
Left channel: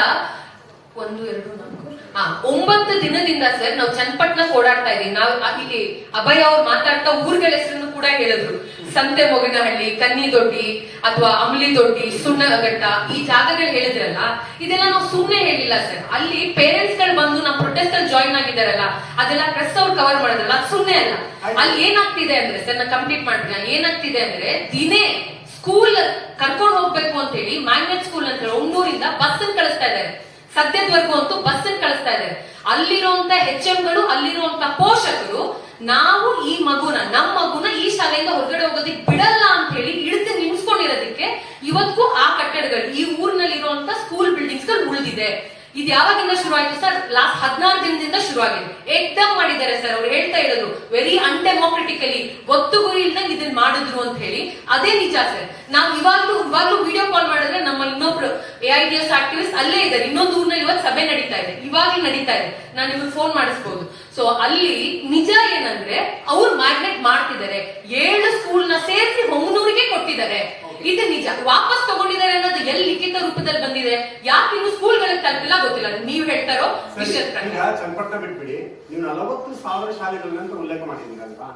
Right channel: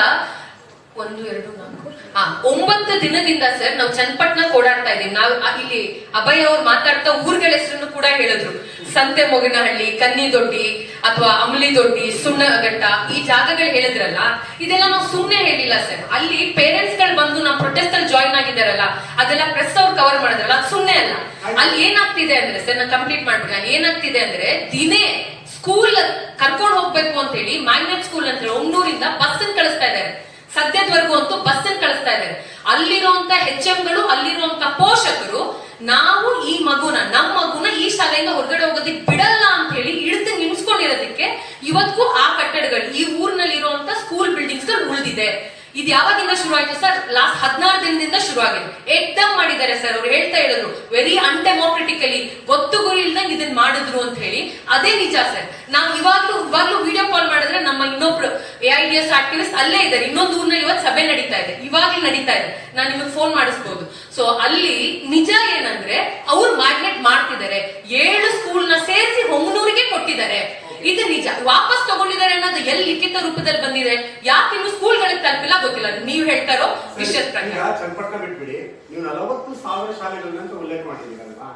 1, 2, 4, 9 ದಿನದಿಂದ ಸರ್ ನಾವು ಚನ್ನಪಟ್ಟಣ ಓಡಾಡ್ತಾ ಇದೀವಿ. ನಾವು ಇಲ್ಲಿ ಅಭಯ್ ಅವ್ರು ಮಾತಾಡ್ತಾ ಊರುಗಳ ಹೆಸರನ್ನು ಕೂಡ ಹೇಳಿದ್ರು. ಸಂತೆ ಮೊಗಿನಹಳ್ಳಿ, ಕನ್ನಿದೊಡ್ಡಿ ಅಥವಾ ಅಮಲಿದೊಡ್ಡಿ, ಸುಣ್ಣಘಟ್ಟ, ಈ ಜಾಗಗಳು ಹೇಳಿದ್ರಲ್ಲ, ಇದೆಲ್ಲ ನಾವು ಸುಮ್ನೆ ಹೇಳಿಲ್ಲ ಸರ್. ಅಲ್ಲಿ ಪೇರೆಂಟ್ಸ್ ಗಳು ಬಂದು ನಮ್ಮ ಪ್ರೊಟೆಸ್ಟ್ ಅಲ್ಲಿ ಜಾಯಿನ್ ಆಗಿದಾರಲ್ಲ, ಅದೆಲ್ಲ ಪ್ರೆಸ್ ಅವ್ರು ಕವರ್ ಮಾಡಿದ್ರಲ್ಲ, ಅದು ಸುಮ್ನೆ ಅಲ್ಲ. ಅಲ್ಲಿ ಏನಾಗ್ತಿದೆ ಅಂದ್ರೆ ಸರ್, ನಾ ಕಂಪ್ಲೀಟ್ ಮಾಡ್ತೀನಿ, ಏನಾಗ್ತಿದೆ ಅಂದ್ರೆ ದಿನೇ ಸ್ಕೂಲ್ ಕರ್ಕೊಂಡು ಹೋಗ್ಬೇಕು ಅಂತ ಹೇಳಿ ಮ್ಯಾಗ್ನೆಟ್ ಸ್ಕೂಲ್ ಅಂತ ಹೇಳಿ 900 ಬಸ್ ಕಳಿಸ್ತಾ ಇದ್ದಾರೆ. ಸದ್ಯದವರೆಗೂ ಅಂತೂ ಬಸ್ ಕಳಿಸ್ತಾ ಇದ್ದಾರೆ. ಅಲ್ಲಿರುವಂತ HMಗಳು, ಅಲ್ಲಿರುವಂತ ಪೋಷಕರು, ನಾವು ಈ ನಮ್ಮ ಮಗುನ ಈ ಶಾಲೆಯಿಂದ ಹೊರಗಡೆ ಹೋಗೋದಕ್ಕೆ ಬಿಡಲ್ಲ ಅಂತ ಹೇಳಿ ಹಿಡಿದು ನಿಲ್ಸ್ಕೊಂಡಿರೋದಕ್ಕೆ ಇವತ್ತಿಗೂ ಆ ಕಟ್ಟಡಗಳು, ಈ ಊರಿನಲ್ಲಿ ಇರುವಂತ ಸ್ಕೂಲ್ ಬಿಲ್ಡಿಂಗ್ಸ್ ಗಳು ಉಳಿದಿದೆ. ಇದು ಯಾವಾಗಿಂದ ಶುರು ಆಯ್ತು ಸರ್? ಲಾಸ್ಟ್ 16 ದಿನದಿಂದ ಶುರು ಆಗಿದೆ. ಎಕ್ದಮ್ ಮಾಡಿದ್ದಾರೆ ಸರ್. ಅವ್ರು ಹೇಳ್ತಾ ಇರೋದು ವೆರಿ ಅನ್ಡೆಮೋಕ್ರೆಟಿಕಲಿ, ಗೊತ್ತು ಗುರಿ ಇಲ್ದಂಗೆ ಇದನ್ನ ಮಾಡಿದ್ರು ಅಂತ ಹೇಳಿ. ಅದೇ ನಿಜ ಸರ್. ನಾವು ಇವಾಗ್ಲೂ ವಿಡಿಯೋ ಕಾಲ್ ಮಾಡಿದ್ರೆ ನಮ್ಮ ಇನ್ನೊಬ್ರು AIDS ಆಕ್ಟಿವಿಸ್ಟ್ ಅಲ್ಲೇ ಇದ್ದಾರೆ. ಇನ್ನೊಂದು ಊರಿನಲ್ಲಿ ಇವತ್ತು ಸಭೆ ನಡೀತಾ ಇದೆ, ಇವಾಗ್ಲೂ ನಡೀತಾ ಇದೆ. ನಾನು ನಿಮಗೆ ಫೋನ್ ಮಾಡಿಸ್ಬೋದು. ಸೊ ಅಲ್ಲಿ ನಿಜ ಏನಂದ್ರೆ ಅವ್ರು ಮ್ಯಾಗ್ನೆಟ್ ಮಾಡ್ತಿದ್ದಾರೆ. 7 ಸ್ಕೂಲ್ನ ಸೇರಿಸಿ ಹೊಂಗನೂರಿಗೆ ಕೊಟ್ಟಿದ್ದಾರೆ. ಇದು ನಿಜ. ವಾಪಸ್ ತಗೊಂಡಿದ್ದಾರೆ ಅನ್ನೋದು ಎಲ್ಲಿ ಲಿಖಿತ ರೂಪದಲ್ಲಿ ಬಂದಿದೆ, ಯಾಕೆ ಇನ್ನು ಸ್ಕೂಲ್ಗಳಿಗೆ ತಲುಪಿಲ್ಲ ಗೊತ್ತಿಲ್ಲ. ನೀವ್ ಹೇಳ್ತಾರೋ ವಿಷಯದ ಈಗ ಪ್ರಕಾರ ಚನ್ನಪಟ್ಟಣ ಬಿಟ್ಬಿಡಿ, ನೀವು 40,000 ಶಾಲೆಗಳನ್ನ ಉಲ್ಲೇಖ ಮಾಡಿದ್ದೀರಲ್ವಾ?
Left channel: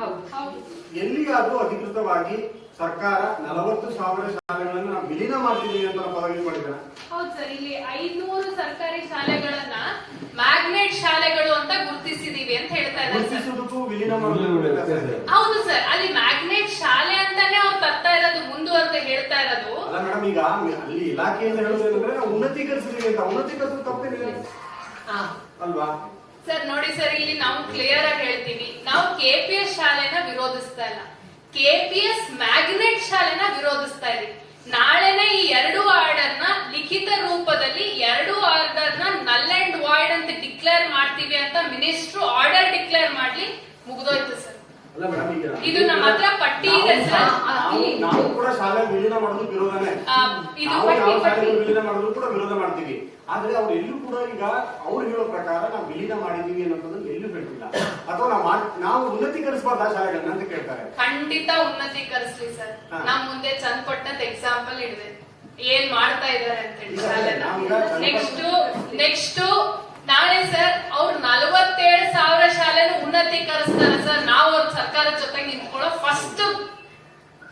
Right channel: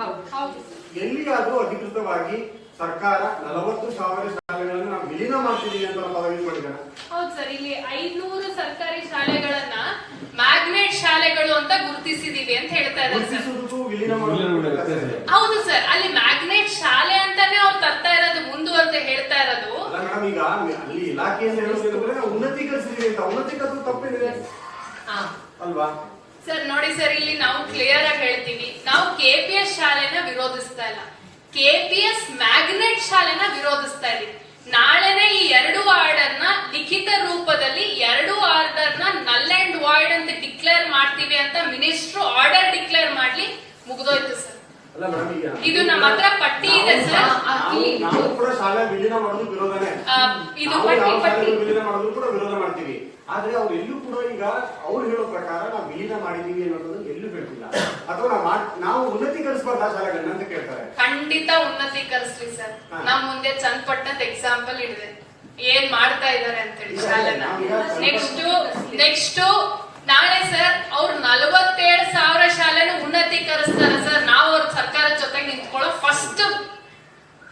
ಹೌದು. ಎಲ್ಲಿಯಾದ್ರೂ ಅಧಿಕೃತವಾಗಿ ಸರ್ಕಾರ 40,000 ಶಾಲೆಗಳನ್ನು ನಾವು ವಿಲೀನ ಮಾಡ್ತಿದ್ದೀವಿ ಅಂತ ಪದ ಯೂಸ್ ಮಾಡಿದ್ದಾನೆ? ಹೌದು ಸರ್, ಇಲ್ಲಿ 500 ಸರ್ಕಾರಿ ಶಾಲೆಗಳನ್ನ ಮ್ಯಾಗ್ನೆಟ್ ಶಾಲೆಗಳು ಅಂತ ಗುರುತಿಸಿದೀವಿ ಅಂತ ಹೇಳ್ತಾ ಇದ್ದಾರೆ ಸರ್. ಗುರುತಿಸುವುದಕ್ಕೂ ವಿಲೀನ ಮಾಡೋದು ಹೌದು ಸರ್, ಅಲ್ಲಿ ಮ್ಯಾಗ್ನೆಟ್ ಶಾಲೆ ಅಂತಾನೆ ಅವ್ರು ತರ್ತಾ ಇರೋದು, ಮುಂದುವರೆದು ಹೇಳ್ತಾ ಇರೋದು. ಅಲ್ಲ ಮೇಡಮ್, ಈಗ ಅಲ್ಲಿ ಇಲಾಖೆಯಿಂದ ಹೇಳೋದಂದ್ರೆ ನಾವು ಉನ್ನತೀಕರಿಸಿದೀವಿ ಅಂತ. ಉನ್ನತೀಕರಿಸೋದು ತಪ್ಪೇನಿದೆ ಅಲ್ವಾ? ಸರ್ ನೋಡಿ ಸರ್, ಇಲ್ಲಿ ನಾವು ಕ್ಲಿಯರ್ ಆಗಿ ಹೇಳ್ತೀವಿ, ನಾವು KPS ಶಾಲೆನ ವಿರೋಧಿಸ್ತಾ ಇಲ್ಲ, KPS ಮ್ಯಾಗ್ನೆಟ್ ಶಾಲೆನ ವಿರೋಧಿಸ್ತಾ ಇದೀವಿ. ನಾಳೆನೆ ಈ 2 ಆರ್ಡರ್ ನ ಲಿಖಿತ ರೂಪದಲ್ಲಿ 2 ಆರ್ಡರ್ ನ ನಲ್ ಅಂಡ್ ವಾಯ್ಡ್ ಅಂತ ಡಿಕ್ಲೇರ್ ಮಾಡ್ತೀವಿ ಅಂತ ಮಿನಿಸ್ಟ್ರು ಆರ್ಡರ್ ಡಿಕ್ಲೇರ್ ಮಾಡ್ಲಿ, ಮುಗಿದೋಯ್ತು ಸರ್. ಅಲ್ಲ ಮೇಡಮ್, ಈಗ ಇದು ನಮ್ಮ ಹತ್ರ ಪಟ್ಟಿ ಇದೆ ಸರ್. ನಾವು ಕೂಡ ಶಾಲೆ ವಿಲೀನ ಮಾಡೋದು ವಿರೋಧನೇ. ಇದು ನಾವು ಪಟ್ಟಿ ಯಾವ ಪಟ್ಟಿ ಶಾಲೆ ವಿಲೀನ ಮಾಡೋದು ಕೂಡ ವಿರೋಧ ಮಾಡ್ತೀವಿ. ಆದ್ರೆ ಅವ್ರು ಎಲ್ಲೂ ಕೂಡ ಈಗ ಅವ್ರು ಹೇಳೋ ಪ್ರಕಾರ ನಾವು ವಿಲೀನ ಮಾಡಿದೀವಿ ಅನ್ನೋದು ಎಲ್ಲೂ ಹೇಳ್ತಿಲ್ಲ. ಅಥವಾ ನಾವು ಉನ್ನತೀಕರಿಸಬಾರ್ದ ಶಾಲೆಗಳನ್ನ ಅಂತ ಕೇಳ್ತಾರೆ. ಖಂಡಿತ ಉನ್ನತೀಕರಿಸ್ಲಿ ಸರ್. ನಮ್ ಮುಂದೆ ಚನ್ನಪಟ್ಟಣದ ಎಕ್ಸಾಂಪಲ್ ಹಿಡಿದೆ, ಏನ್ ಮಾಡ್ತಾ ಇದಾರೆ ಅಂತ ಹೇಳಿ ಶಾಲೆನ. ನೆಕ್ಸ್ಟ್ ನಾಳೆ ಸರ್ ಅವ್ರು 47,000 ಶಾಲೆನ ಉನ್ನತೀಕರಿಸ್ತಾರೆ ಸರ್. ನಾವು ಅವ್ರ ಸರ್ಕಾರದ ಜೊತೆಗೆ ನಿಂತ್ಕೊಳ್ಳೋ ಫಸ್ಟ್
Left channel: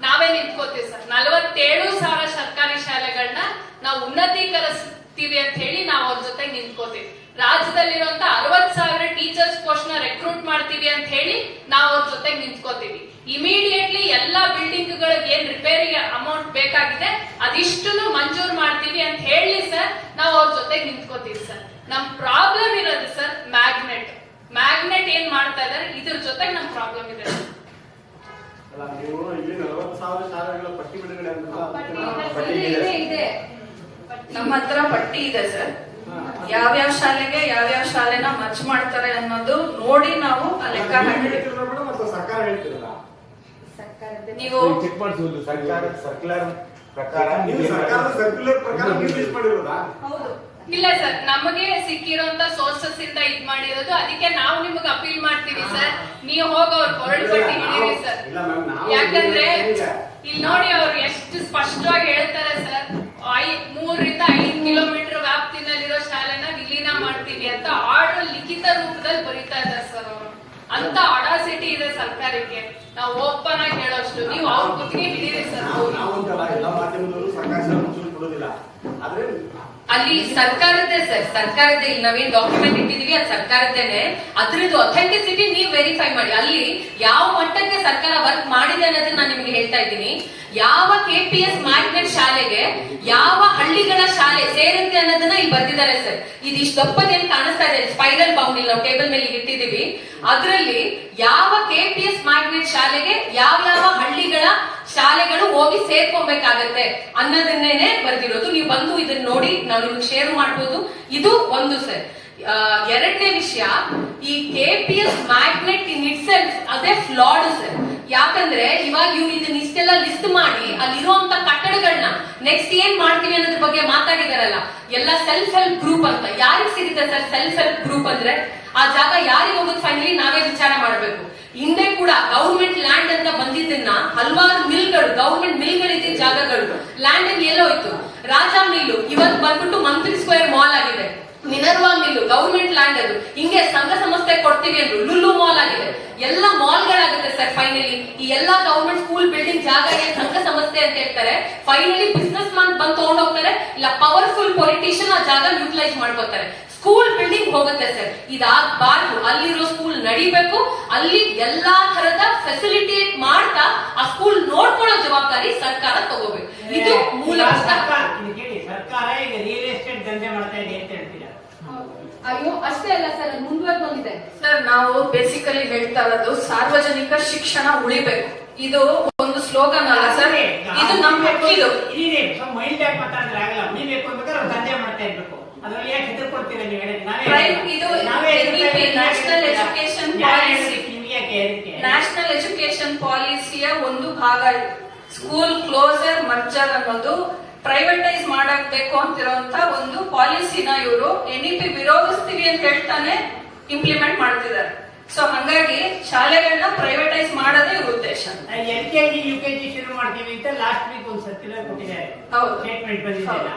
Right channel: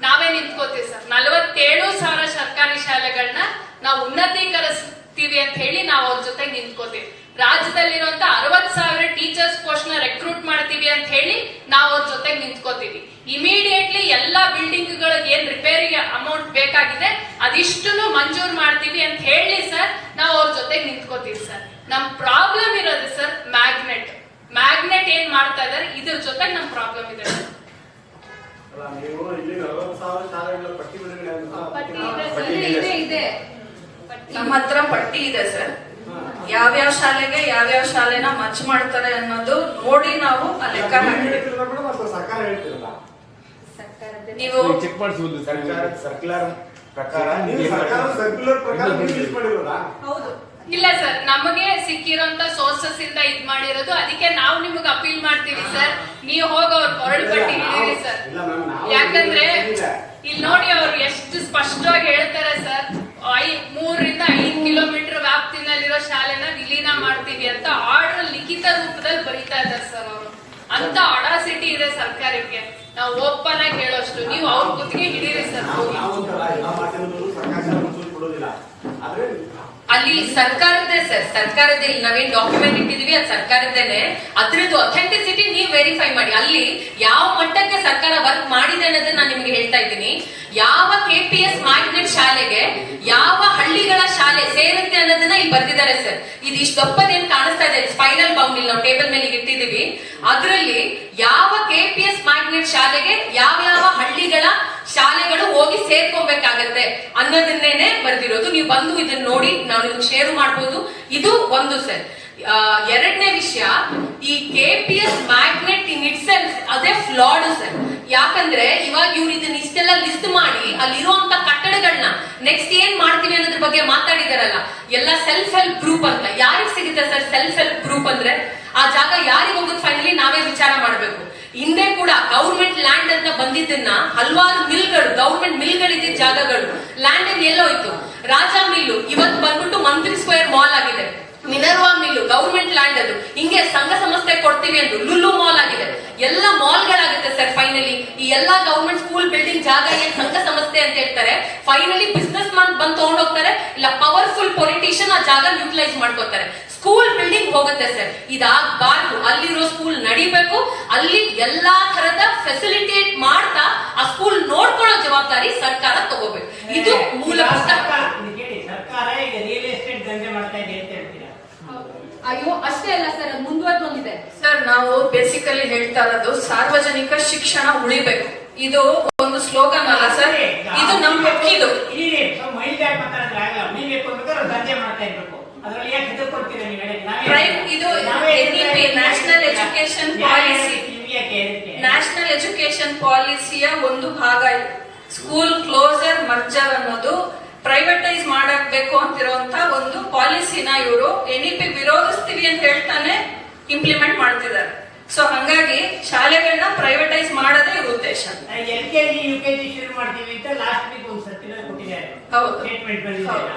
ನಾವೇ ನಿಂತ್ಕೋತೀವಿ ಸರ್. 47,000 ಸರ್ಕಾರಿ ಶಾಲೆಗಳನ್ನ ನಾವು ಉನ್ನತೀಕರಿಸ್ತೀವಿ ಅಂತ ಹೇಳಿ ನಾವು ಅವ್ರ ಜೊತೆಗೆ ನಿಂತ್ಕೋತೀವಿ. ರಾಜ್ಯದಲ್ಲಿರುವಂತ 60,000 ಟೀಚರ್ಸ್ ಪೋಸ್ಟ್ ನ ರೆಕ್ರೂಟ್ ಮಾಡ್ತೀವಿ ಅಂತ ಹೇಳಿ ನಾವು ಅವ್ರ ಜೊತೆಗೆ ನಿಂತ್ಕೋತೀವಿ. ಇಮಿಡಿಯೇಟ್ಲಿ ಎಲ್ಲಾ ಬಿಲ್ಡಿಂಗ್ ಗಳಿಗೆ ಏನ್ ರಿಪೇರಿಗೆ ಅಮೌಂಟ್ ಬೇಕಾಗಿದೆ ಅದಿಷ್ಟನ್ನು ಮಂಜೂರು ಮಾಡ್ತೀವಿ ಅಂತ ಹೇಳಿ ಸರ್ ನಾವು ಅವ್ರ ಜೊತೆಗೆ ನಿಂತ್ಕೋತೀವಿ ಸರ್. ನಮ್ ಪ್ರಾಬ್ಲಮ್ ಇರೋದು ಸರ್ ಮ್ಯಾಗ್ನೆಟ್ ಏನ್ ಮಾಡ್ತಾ ಇದಾರೆ ಇದ್ರ ಜೊತೆಗೆ ನಮ್ ಪ್ರಾಬ್ಲಮ್ ಇದೆ. ಅಲ್ಲ, ನೀವು ಇಲ್ಲಿ 40,000 ಶಾಲೆಗಳ ಪಟ್ಟಿ ಬಿಡುಗಡೆ ನಮ್ಮ ಹತ್ರ ಪಟ್ಟಿ ಇದೆ ಸರ್. ಯಾವ್ಯಾವ ಶಾಲೆಗೆ ಯಾವ್ಯಾವ ಶಾಲೆನ ಮರ್ಜ್ ಮಾಡ್ತಾರೆ ಅನ್ನೋದು ನೋಡಿ ನಾವು ಆ ಲೆಕ್ಕ ಹಾಕಿದ್ದೀವಿ. ಮತ್ತು ಸರ್ಕಾರ ಹೇಳ್ತಿರಲ್ಲ, ನೀವು ಚೆಕ್ ಮಾಡಿಸಿ ಸರ್ಕ್ಯುಲರ್ ಪ್ರಕಾರ ಸರ್ಕ್ಯುಲರ್ ಪ್ರಕಾರ ರಿಲೀಸ್ ಮಾಡಿರೋದಾ? ಹೌದು. ಇಲ್ಲ ಸರ್, ನಮಗೆ ಸಿಕ್ಕಿರೋಂತ ಸೋರ್ಸಸ್ ಇಂದ ಇದ್ ಮಾಡಿರೋದು, ಅದಕ್ಕೆ ನಾವು ನಿಮಗೆ ಅಪೀಲ್ ಮಾಡ್ತೀವಿ ಸರ್, ನೀವು ಹೋಗಿ ಅವ್ರ ಕೊರಳು ಪಟ್ಟಿ ಹಿಡೀರಿ ಸರ್. ಯಾಕಂದ್ರೆ ಇಲ್ಲಿ ನೋಡಿ ಅವ್ರು ಎಷ್ಟು ಸ್ಪಷ್ಟವಾಗಿ ಹೇಳ್ತಾರೆ ಸರ್, 3 ರಿಂದ 5 ಕಿಲೋಮೀಟರ್ ವ್ಯಾಪ್ತಿನಲ್ಲಿರೋ ಶಾಲೆನ ವಿಲೀನ ಮಾಡ್ತೀವಿ ಅಂತ ಆರ್ಡರ್ ಲಿಖಿತ ರೂಪದಲ್ಲಿ ಬರೀತಾ ಇದ್ದಾರೆ ಸರ್ ಅವರು. ಅಂತ ಅಡಾಸಿಟಿ ಇದೆ ಸರ್ಕಾರಕ್ಕೆ. ನಾವು ಓಪನ್ ಆಗಿ ಹೇಳೋಷ್ಟು, ನೀವು ಅವ್ರ ಗುತ್ತಿಗೆ ಹಿಡೀರಿ ಸರ್. ಅಲ್ಲಿ ಸರ್ಕಾರದ್ದೇ ಸರ್, ಸರ್ಕಾರದ್ದೇ. ಇಲ್ಲಿ ನಾವೇನ್ ಡಾಕ್ಯುಮೆಂಟ್ ಇಟ್ಟಿದೀವಿ ಅದು ಸರ್ಕಾರದ್ದೇನೆ. ಅದ್ರದ್ದು ಅಥೆಂಟಿಸಿಟಿ ನೀವು ವೆರಿಫೈ ಮಾಡಿ. ಅಲ್ಲಿ ಯಾವ ಮಟ್ಟಕ್ಕೆ ಸರ್ಕಾರ ವರ್ಕ್ ಮಾಡಿದೆ ಅನ್ನೋದನ್ನ ನಾನು ನಿಮ್ಗೆ ಹೇಳ್ತಾ ಇದ್ದೀನಿ. ಯಾವ KPS ಮ್ಯಾಗ್ನೆಟ್ ಶಾಲೆಗೆ ಯಾವ ಹಳ್ಳಿಗಳ ಶಾಲೆ ಸೇರುತ್ತೆ ಅನ್ನೋದನ್ನ ಇಲ್ಲಿ ಬರ್ದಿದ್ದಾರೆ ಸರ್. ಇದು ಇಷ್ಟು ದಪ್ಪದೇನ್ ಕಾಣಿಸ್ತಾ ಇದೆ, ಸ್ಪೈರಲ್ ಬೌಂಡ್ ಇಲ್ಲಿ ನಾವು ಟೇಬಲ್ ಮೇಲೆ ಇಟ್ಟಿದೀವಿ. ಅದರಲ್ಲಿ ಯಾವ KPS ಮ್ಯಾಗ್ನೆಟ್ ಶಾಲೆಗೆ ಯಾವ ಹಳ್ಳಿಗಳ ಶಾಲೆಗಳು ಹೋಗಿ ಸೇರ್ಕೊಬೇಕಾಗತ್ತೆ ಅನ್ನೋದನ್ನೇನೆ ಬರ್ದಿರೋದು. ನೀವು ಬಂದು ಇದನ್ನ ನೋಡಿ ನಾವು ನಿಮ್ಗೆ ಶೇರ್ ಮಾಡ್ಬೋದು. ಇದು ಒಂದು ಸರ್. ಎರಡನೇ ವಿಷಯ, ಈ KPS magnet in it self ಅದೇ ಫ್ಲಾಡ್ ಸರ್. ಯಾಕಂದ್ರೆ ಇವಾಗ ಇವ್ರು ಇದನ್ನ ಇಷ್ಟೆಲ್ಲ ಲಿಸ್ಟ್ ಮಾಡಿ ಅಲ್ಲಿರುವಂತ ಕಟ್ಟಡಗಳನ್ನ ನೆಕ್ಸ್ಟ್ ಏನ್ ಮಾಡ್ತೀವಿ ಅನ್ನೋದ್ರ ಬಗ್ಗೆ ಮಾತಾಡಿದಾರಲ್ಲ, ಎಲ್ಲ ಸೆಲ್ಫ್ ಹೆಲ್ಪ್ ಗ್ರೂಪ್ ಅಂತ. ಯಾರಿಗೆ ಸಿಗುತ್ತೆ ಸರ್ ಸೆಲ್ಫ್ ಹೆಲ್ಪ್ ಗ್ರೂಪ್ ಅಂದ್ರೆ? ಆ ಜಾಗ ಯಾರಿಗೆ ಹೋಗೋದು ಫೈನಲಿ ನಾವೇ ವಿಚಾರ ಮಾಡಬೇಕು. ಹಿಂದೆ ಕೂಡ ಗೌರ್ಮೆಂಟ್ ಲ್ಯಾಂಡ್ ಅಂತ ಬಂದಿದ್ದನ್ನ ಹಲವಾರು ಮಿಲ್ಗಳು, ಗೌರ್ಮೆಂಟ್ ಮಿಲ್ಗಳಿದ್ದ ಜಾಗಗಳು ಲ್ಯಾಂಡ್ ಎಲ್ಲೋಯ್ತು. ರಾಜಾ ಮಿಲ್ಲು ಇವತ್ತು ಬಂದ್ಬಿಟ್ಟು ಮಂತ್ರಿ ಸ್ಕ್ವೇರ್ ಮಾಲ್ ಆಗಿದೆ. ಮಿನರ್ವಾ ಮಿಲ್ಲು ಗೌರ್ಮೆಂಟ್ ಲ್ಯಾಂಡ್ ಅದು, ಹಿಂಗೆ ಸಂಘ ಸಂಸ್ಥೆ ಕೊಡ್ತೀವಿ ಅಂದ್ರು ಲುಲ್ಲು ಮಾಲ್ ಆಗಿದೆ. ಎಲ್ಲ ಮಾಲ್ಗಳಾಗುತ್ತೆ ಸರ್ ಫೈನಲಿ. ಈ ಎಲ್ಲಾ ಗೌರ್ಮೆಂಟ್ ಸ್ಕೂಲ್ ಬಿಲ್ಡಿಂಗ್ ಜಾಗ ಏನ್ ಸಂಘ ಸಂಸ್ಥೆ ಅಂತ ಹೇಳ್ತಾರೆ, ಫೈನಲಿ ಬಿಸ್ನೆಸ್ ಮ್ಯಾನ್ ಬಂದು ತಗೊಂಡೋಗ್ತಾರೆ, ಇಲ್ಲ ಪವರ್ಫುಲ್ ಪೊಲಿಟಿಷಿಯನ್ ಆ ಜಾಗ ಯೂಟಿಲೈಸ್ ಮಾಡ್ಕೋತಾರೆ. ಸ್ಕೂಲ್ ಬಿಲ್ಡಿಂಗ್ ಹೋಗುತ್ತೆ ಸರ್. ಇದಾಗಬಾರ್ದು. ಅಲ್ಲಿರೋ ಸ್ಕೂಲ್ ನಡಿಬೇಕು. ಅಲ್ಲಿ ಎಲ್ಲಾ ತರದ ಫೆಸಿಲಿಟಿ ಮಾಡ್ತಾ ಆ ಸ್ಕೂಲ್ ನೋಡ್ಕೊಳ್ಳೋ ಜವಾಬ್ದಾರಿ ಸರ್ಕಾರ ತಗೋಬೇಕು. ಇದು ಮೂಲ. ಸರ್ಕಾರ ಈಗ ರಿಯಲ್ ಎಸ್ಟೇಟ್ ದಂಧೆ ಮಾಡ್ತಾ ಇದೆ ಅಂತ ಹೇಳ್ತೀರಾ? ಅಯ್ಯೋ ಅಷ್ಟೇ ಅಲ್ಲ ಸರ್, ಮುಂದುವರೆದೊಂದಿದೆ ಸರ್. ನಾವು ಬೇಸಿಕಲಿ ಹೇಳ್ತಾ ಇರೋದು ಸಾರ್ವಜನಿಕ ಶಿಕ್ಷಣ ಉಳಿಬೇಕು. ಇದು ಒಂದು ಸ್ಲೋಗನ್ ಅಲ್ಲ ಸರ್, ಇದು ನಮ್ಮ ಹಕ್ಕಿದು. ಮೈಲ್ ಟ್ಯಾಗ್ ಮಾತಾಡಿದ್ರೆ ಆಗಲ್ಲ. ಉಳಿಬೇಕು ಅಂಬೇಕಾದ್ರೆ ದಂಧೆ ಮಾಡ್ತಾ ಇರ್ಬೇಕು. ಅದ್ರಲ್ಲಿ ಯಾಕೆ ಹೆದರ್ಕೊಡ್ತೀರಾ ನೀವು ಹೇಳಿ? ಇದು national education policy, national education ಪಾಲಿಸಿಯ ಒಂದು ಭಾಗ ಇದು. ಸ್ಕೂಲ್ ಕ್ಲೋಸರ್ ಮರ್ಜರ್ ಅನ್ನೋದು ಪ್ರೈವೇಟೈಸ್ ಮಾಡಬೇಕು ಅಂತಿರುವಂತ ಒಂದು ಪಾಲಿಸಿನ ಇವರು NEP ವಿರೋಧಿಸ್ತೀವಿ ಅಂತ ಹೇಳ್ತಾನೆ ಇಂಪ್ಲಿಮೆಂಟ್ ಮಾಡ್ತಿದ್ದಾರೆ. ಸೊ ಹಂಗಾಗಿ ಶಾಲೆಗಳನ್ನ ಪ್ರೈವೇಟೈಸ್ ಮಾಡೋದೇ ಇವ್ರ ಉದ್ದೇಶ. LKG UKG ಶುರು ಮಾಡ್ತೀವಿ ಅಂತ ಲಾಸ್ಟ್ ವೀಕ್ ಒಂದು ಸರ್ಕ್ಯುಲರ್ ಕೊಟ್ಟಿದ್ದಾರೆ, ಸ್ಟೇಟ್ಮೆಂಟ್ ಬಂದಿದೆ.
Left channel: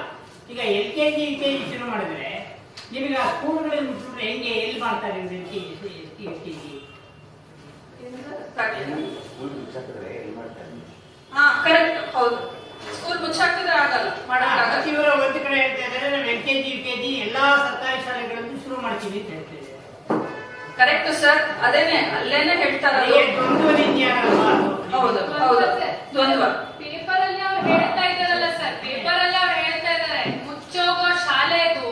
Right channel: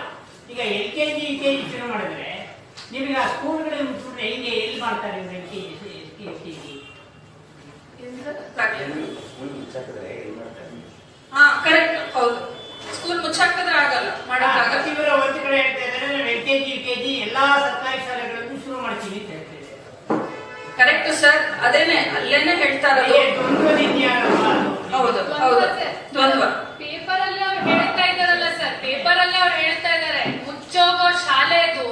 ಈಗ LKG UKG ಶುರು ಮಾಡಿದ್ರೆ ನಿಮಗೆ ಆ ಸ್ಕೂಲ್ಗಳಲ್ಲಿ ಮುಚ್ಚಿಬಿಟ್ರೆ ಹೆಂಗೆ ಎಲ್ಲಿ ಮಾಡ್ತಾರೆ ಇವ್ರು LKG? ಹಾ ಕರೆಕ್ಟ್, ಹೌದು. ಸ್ಕೂಲ್ ಮುಚ್ಚಾಕಿದ್ರೆ ಆಗಲ್ಲ, ಮಾಡಕ್ಕಾಗಲ್ಲ. ಇವರ ಒಂದು ಕಡೆ ಹೇಳ್ತಾ ಇದ್ದಾರೆ ನಾವು LKG UKG ಎಲ್ಲಾ ಸರ್ಕಾರಿ ಶಾಲೆಗಳನ್ನು ಶುರು ಮಾಡ್ತೀವಿ ಅಂತ ಹೇಳ್ತಾ ಇದ್ದಾರೆ. ಕರೆಕ್ಟ್ ಸರ್, ಅದೇನೆ ಅಲ್ಲೇನೆ ಹೇಳ್ತಾ ಇರೋದು. ದ್ವಂದ್ವ ನೀತಿ ಆಗಲ್ವಾ? ಹೌದು ಹೌದು, ದ್ವಂದ್ವ. ಪೇಪರ್ ಅಲ್ಲಿ ಅವ್ರು ಹೇಳ್ತಾ ಇದಾರಲ್ಲ ಸರ್, ಪೇಪರ್ ಅಲ್ಲಿ ಅವ್ರು ಹೇಳ್ತಾ ಇದಾರೆ ಮುಚ್ಚೋಗೋ ಶಾಲೆದು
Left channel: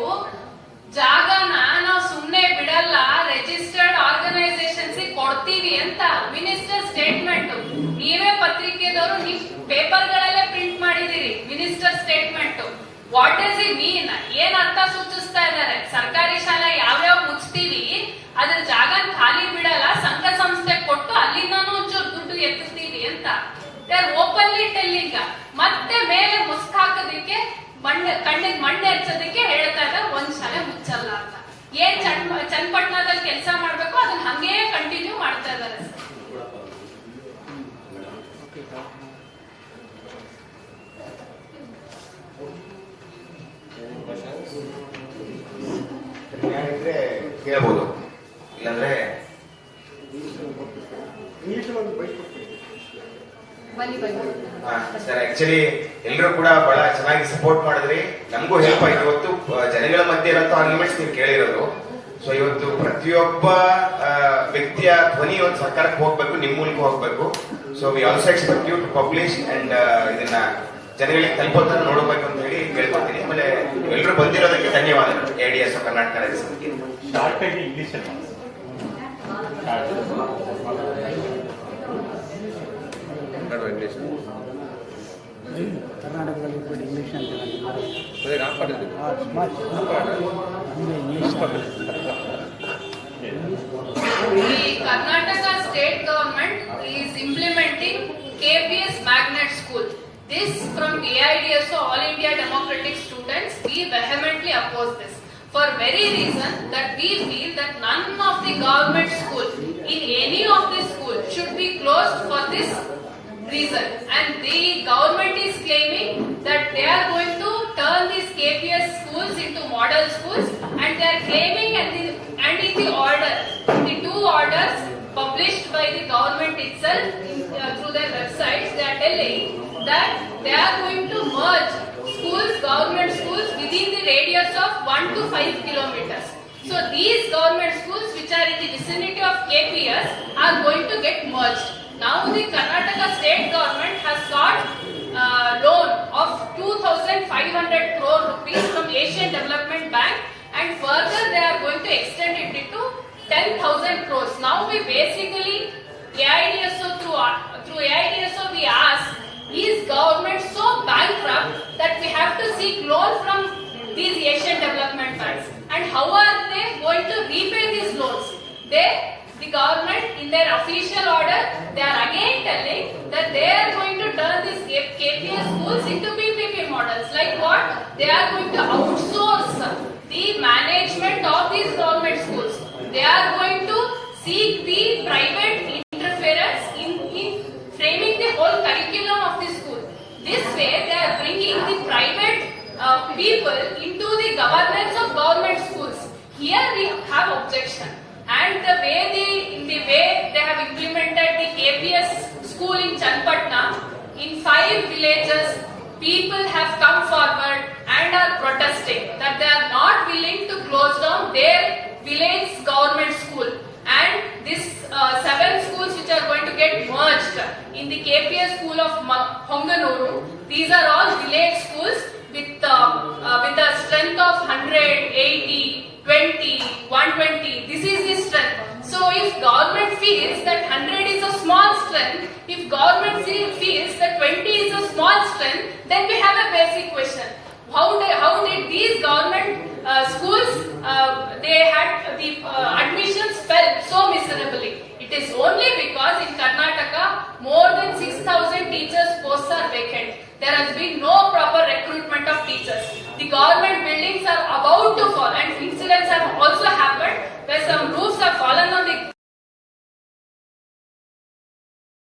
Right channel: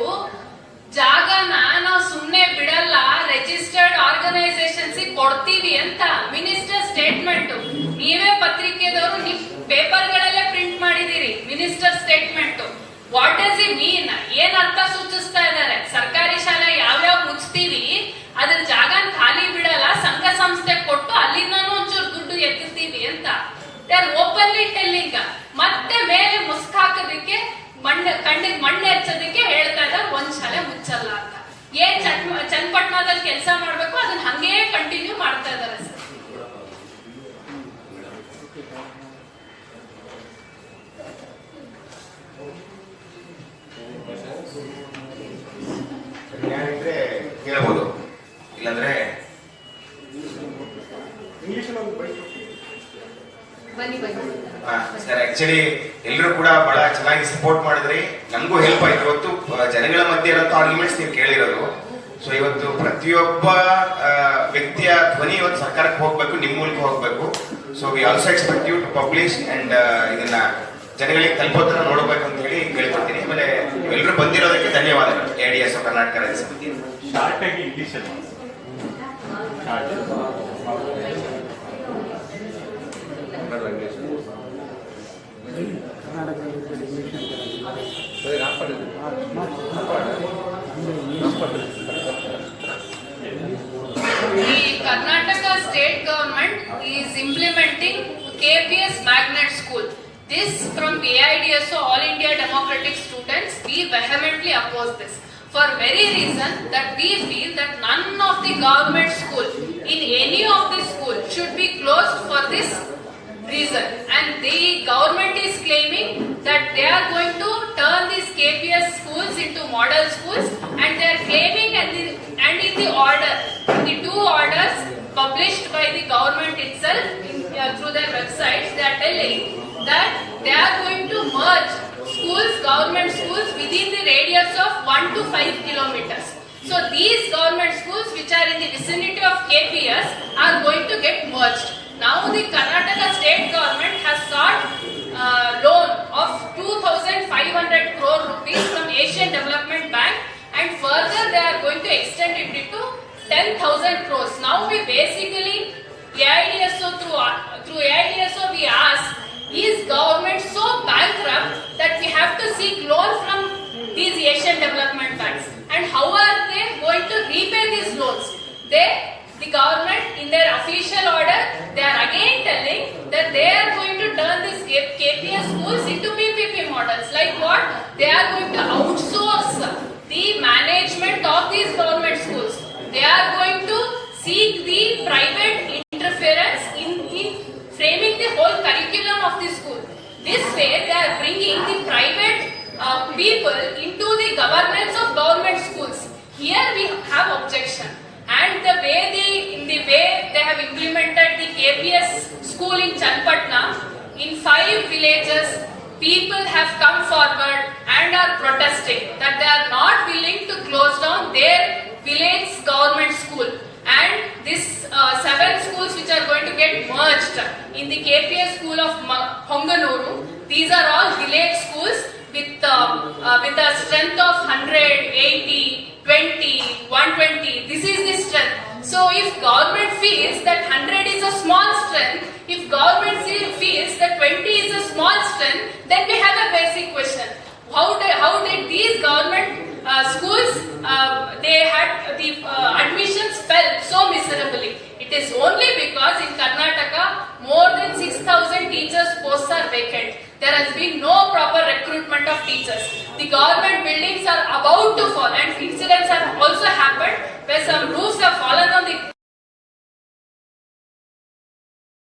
ಜಾಗನ ನಾವು ಸುಮ್ನೆ ಬಿಡಲ್ಲ, ರಿಜಿಸ್ಟರ್ಡ್ ಆರ್ಗನೈಸೇಷನ್ಸ್ ಕೊಡ್ತೀವಿ ಅಂತ ಮಿನಿಸ್ಟರ್ ಸ್ಟೇಟ್ಮೆಂಟ್. ನೀವೇ ಪತ್ರಿಕೆದವರು ನಿಮ್ ಪೇಪರ್ ಗಳಲ್ಲೇ ಪ್ರಿಂಟ್ ಮಾಡಿದೀರಿ minister statement. What is it mean? ಏನ್ ಅರ್ಥ ಸೂಚಿಸ್ತಾ ಇದ್ದಾರೆ? ಸರ್ಕಾರಿ ಶಾಲೆ ಯಾವ್ಯಾವ ಮುಚ್ತೀವಿ ಅದ್ರ ಜಾಗ ಖಾಲಿ ಬಿಡಲ್ಲ, ಸಂಘ ಸಂಸ್ಥೆ ಕೊಟ್ಟು ಅಲ್ಲಿಂದಾನು ಒಂಚೂರು ದುಡ್ಡು ಎತ್ತುತ್ತೀವಿ ಅಂತ. They are openly telling. ಮತ್ತೆ ಮೇಲೆ ಮುಸ್ಕ್ ಹಾಕೋದಕ್ಕೆ ಕಣ್ಣಿಗೆ ಮಣ್ಣು ಹಚ್ಚೋದಕ್ಕೆ ಹೇಳ್ತಾ ಇದ್ದಾರೆ ಒಂದ್ ಶಾಲೆ ಮುಚ್ಚಲ್ಲ ಅಂತ. ಏನ್ ಚನ್ನಪಟ್ಟಣದಲ್ಲಿ ಕೆಲಸ ಮಾಡ್ಬೇಕು ಅದನ್ನ ಹಂಗೇ ಕಂಟಿನ್ಯೂ ಮಾಡ್ತಾ ಇದ್ದಾರೆ ಸರ್. ಕೇಳಬಹುದು, ಇಲ್ಲಾಂದ್ರೆ ಇಂಗ್ಲಿಷಲ್ಲಿ ಒಂದು ಬೈಸ್ಕೊಡ್ತೀನಿ. ಸರ್ ಆಕ್ಚುಲಿ ಎಲ್ಲರೂ ಕೂಡ ಬಹಳ ಚೆನ್ನಾಗಿ ಸಪೋರ್ಟ್ ಮಾಡಿದ್ರಿ, ನಮಗೂ ಹೆಲ್ಪ್ ಆಯ್ತು. ಇವತ್ತು ಜನಗಳ ಮಧ್ಯೆ ಇರೋ ಆರ್ಗ್ಯುಮೆಂಟ್ಸ್ ನೀವು ಕೇಳಿರೋದು. ಸೊ ಇವತ್ತು ಪ್ರತಿಯೊಬ್ಬ ವ್ಯಕ್ತಿಯ ಧ್ವನಿ ಇವತ್ತು ಸರ್ಕಾರಕ್ಕೆ ಹೋಗ್ಬೇಕು, ನಿಮ್ ಮೂಲಕ ಹೋಗ್ಬೇಕು. So we also expect you to publish and ಇದನ್ನ ಜನಗಳಿಗೆ ತಲುಪೋದನ್ನ ನೋಡಬೇಕು ಅಂತ ಹೇಳಿ ಕೇಳ್ಕೊತೀನಿ. ಆಮೇಲೆ ಎಲ್ಲರೂ ಬಂದಿರೋದಕ್ಕೆ ಧನ್ಯವಾದಗಳು. ADS ಕರ್ನಾಟಕ ರಾಜ್ಯ ಸಮಿತಿ. The Karnataka state government is implementing KPS magnet school. This from AIDSO, All India Democratic Students, we vehemently oppose this. For very reason that we feel that none of the government school in any of the school should be closed for this reason. And the government is claiming that they are going to turn these KPS schools into model schools, and they are claiming and in the order, the two orders published by the government itself through their websites, they are telling that they are going to merge schools, government schools within the radius of 1 to 5 kilometers. So these government schools which are in the vicinity of KPS are going to get merged. Now the Karnataka state government has sought loan of 2,500 crore rupees from Asian Development Bank, and further they are going to extend it to 10,000 crores. Now we basically, AIDSO through AIDSO we ask, is government so bankrupt that we have to seek loan from these Asian Development Banks? And how are they going to repay these loans? The government in their official order, they are again telling that they are going to turn these KPS schools into PPP models. Like what? They are going to outsource the management of these government schools. They are going to seek the private interference in framing the whole curriculum of the school. This way, they are bringing the private people into the governance of government schools. Here we have objection. And the way they have implemented the KPS school in Channapatna, in 5 villages, people have come forward and are protesting that they are not willing to close down their village government school. And these 7 schools which are going to get merged in the KPS school of Honganuru, these are all village schools with a strength of 100, 80, 20, 120. This is the strength. So if government feels that 100 is a small strength, if government feels that 20 is a small strength, then we have a basic question. How did these government schools, they had the admissions fell so miserably? It is only because in Karnataka more than 6,000 teachers posts are vacant. There has been no proper recruitment of teachers. The government buildings are about to fall, and incidents have also happened where some roofs have fallen on the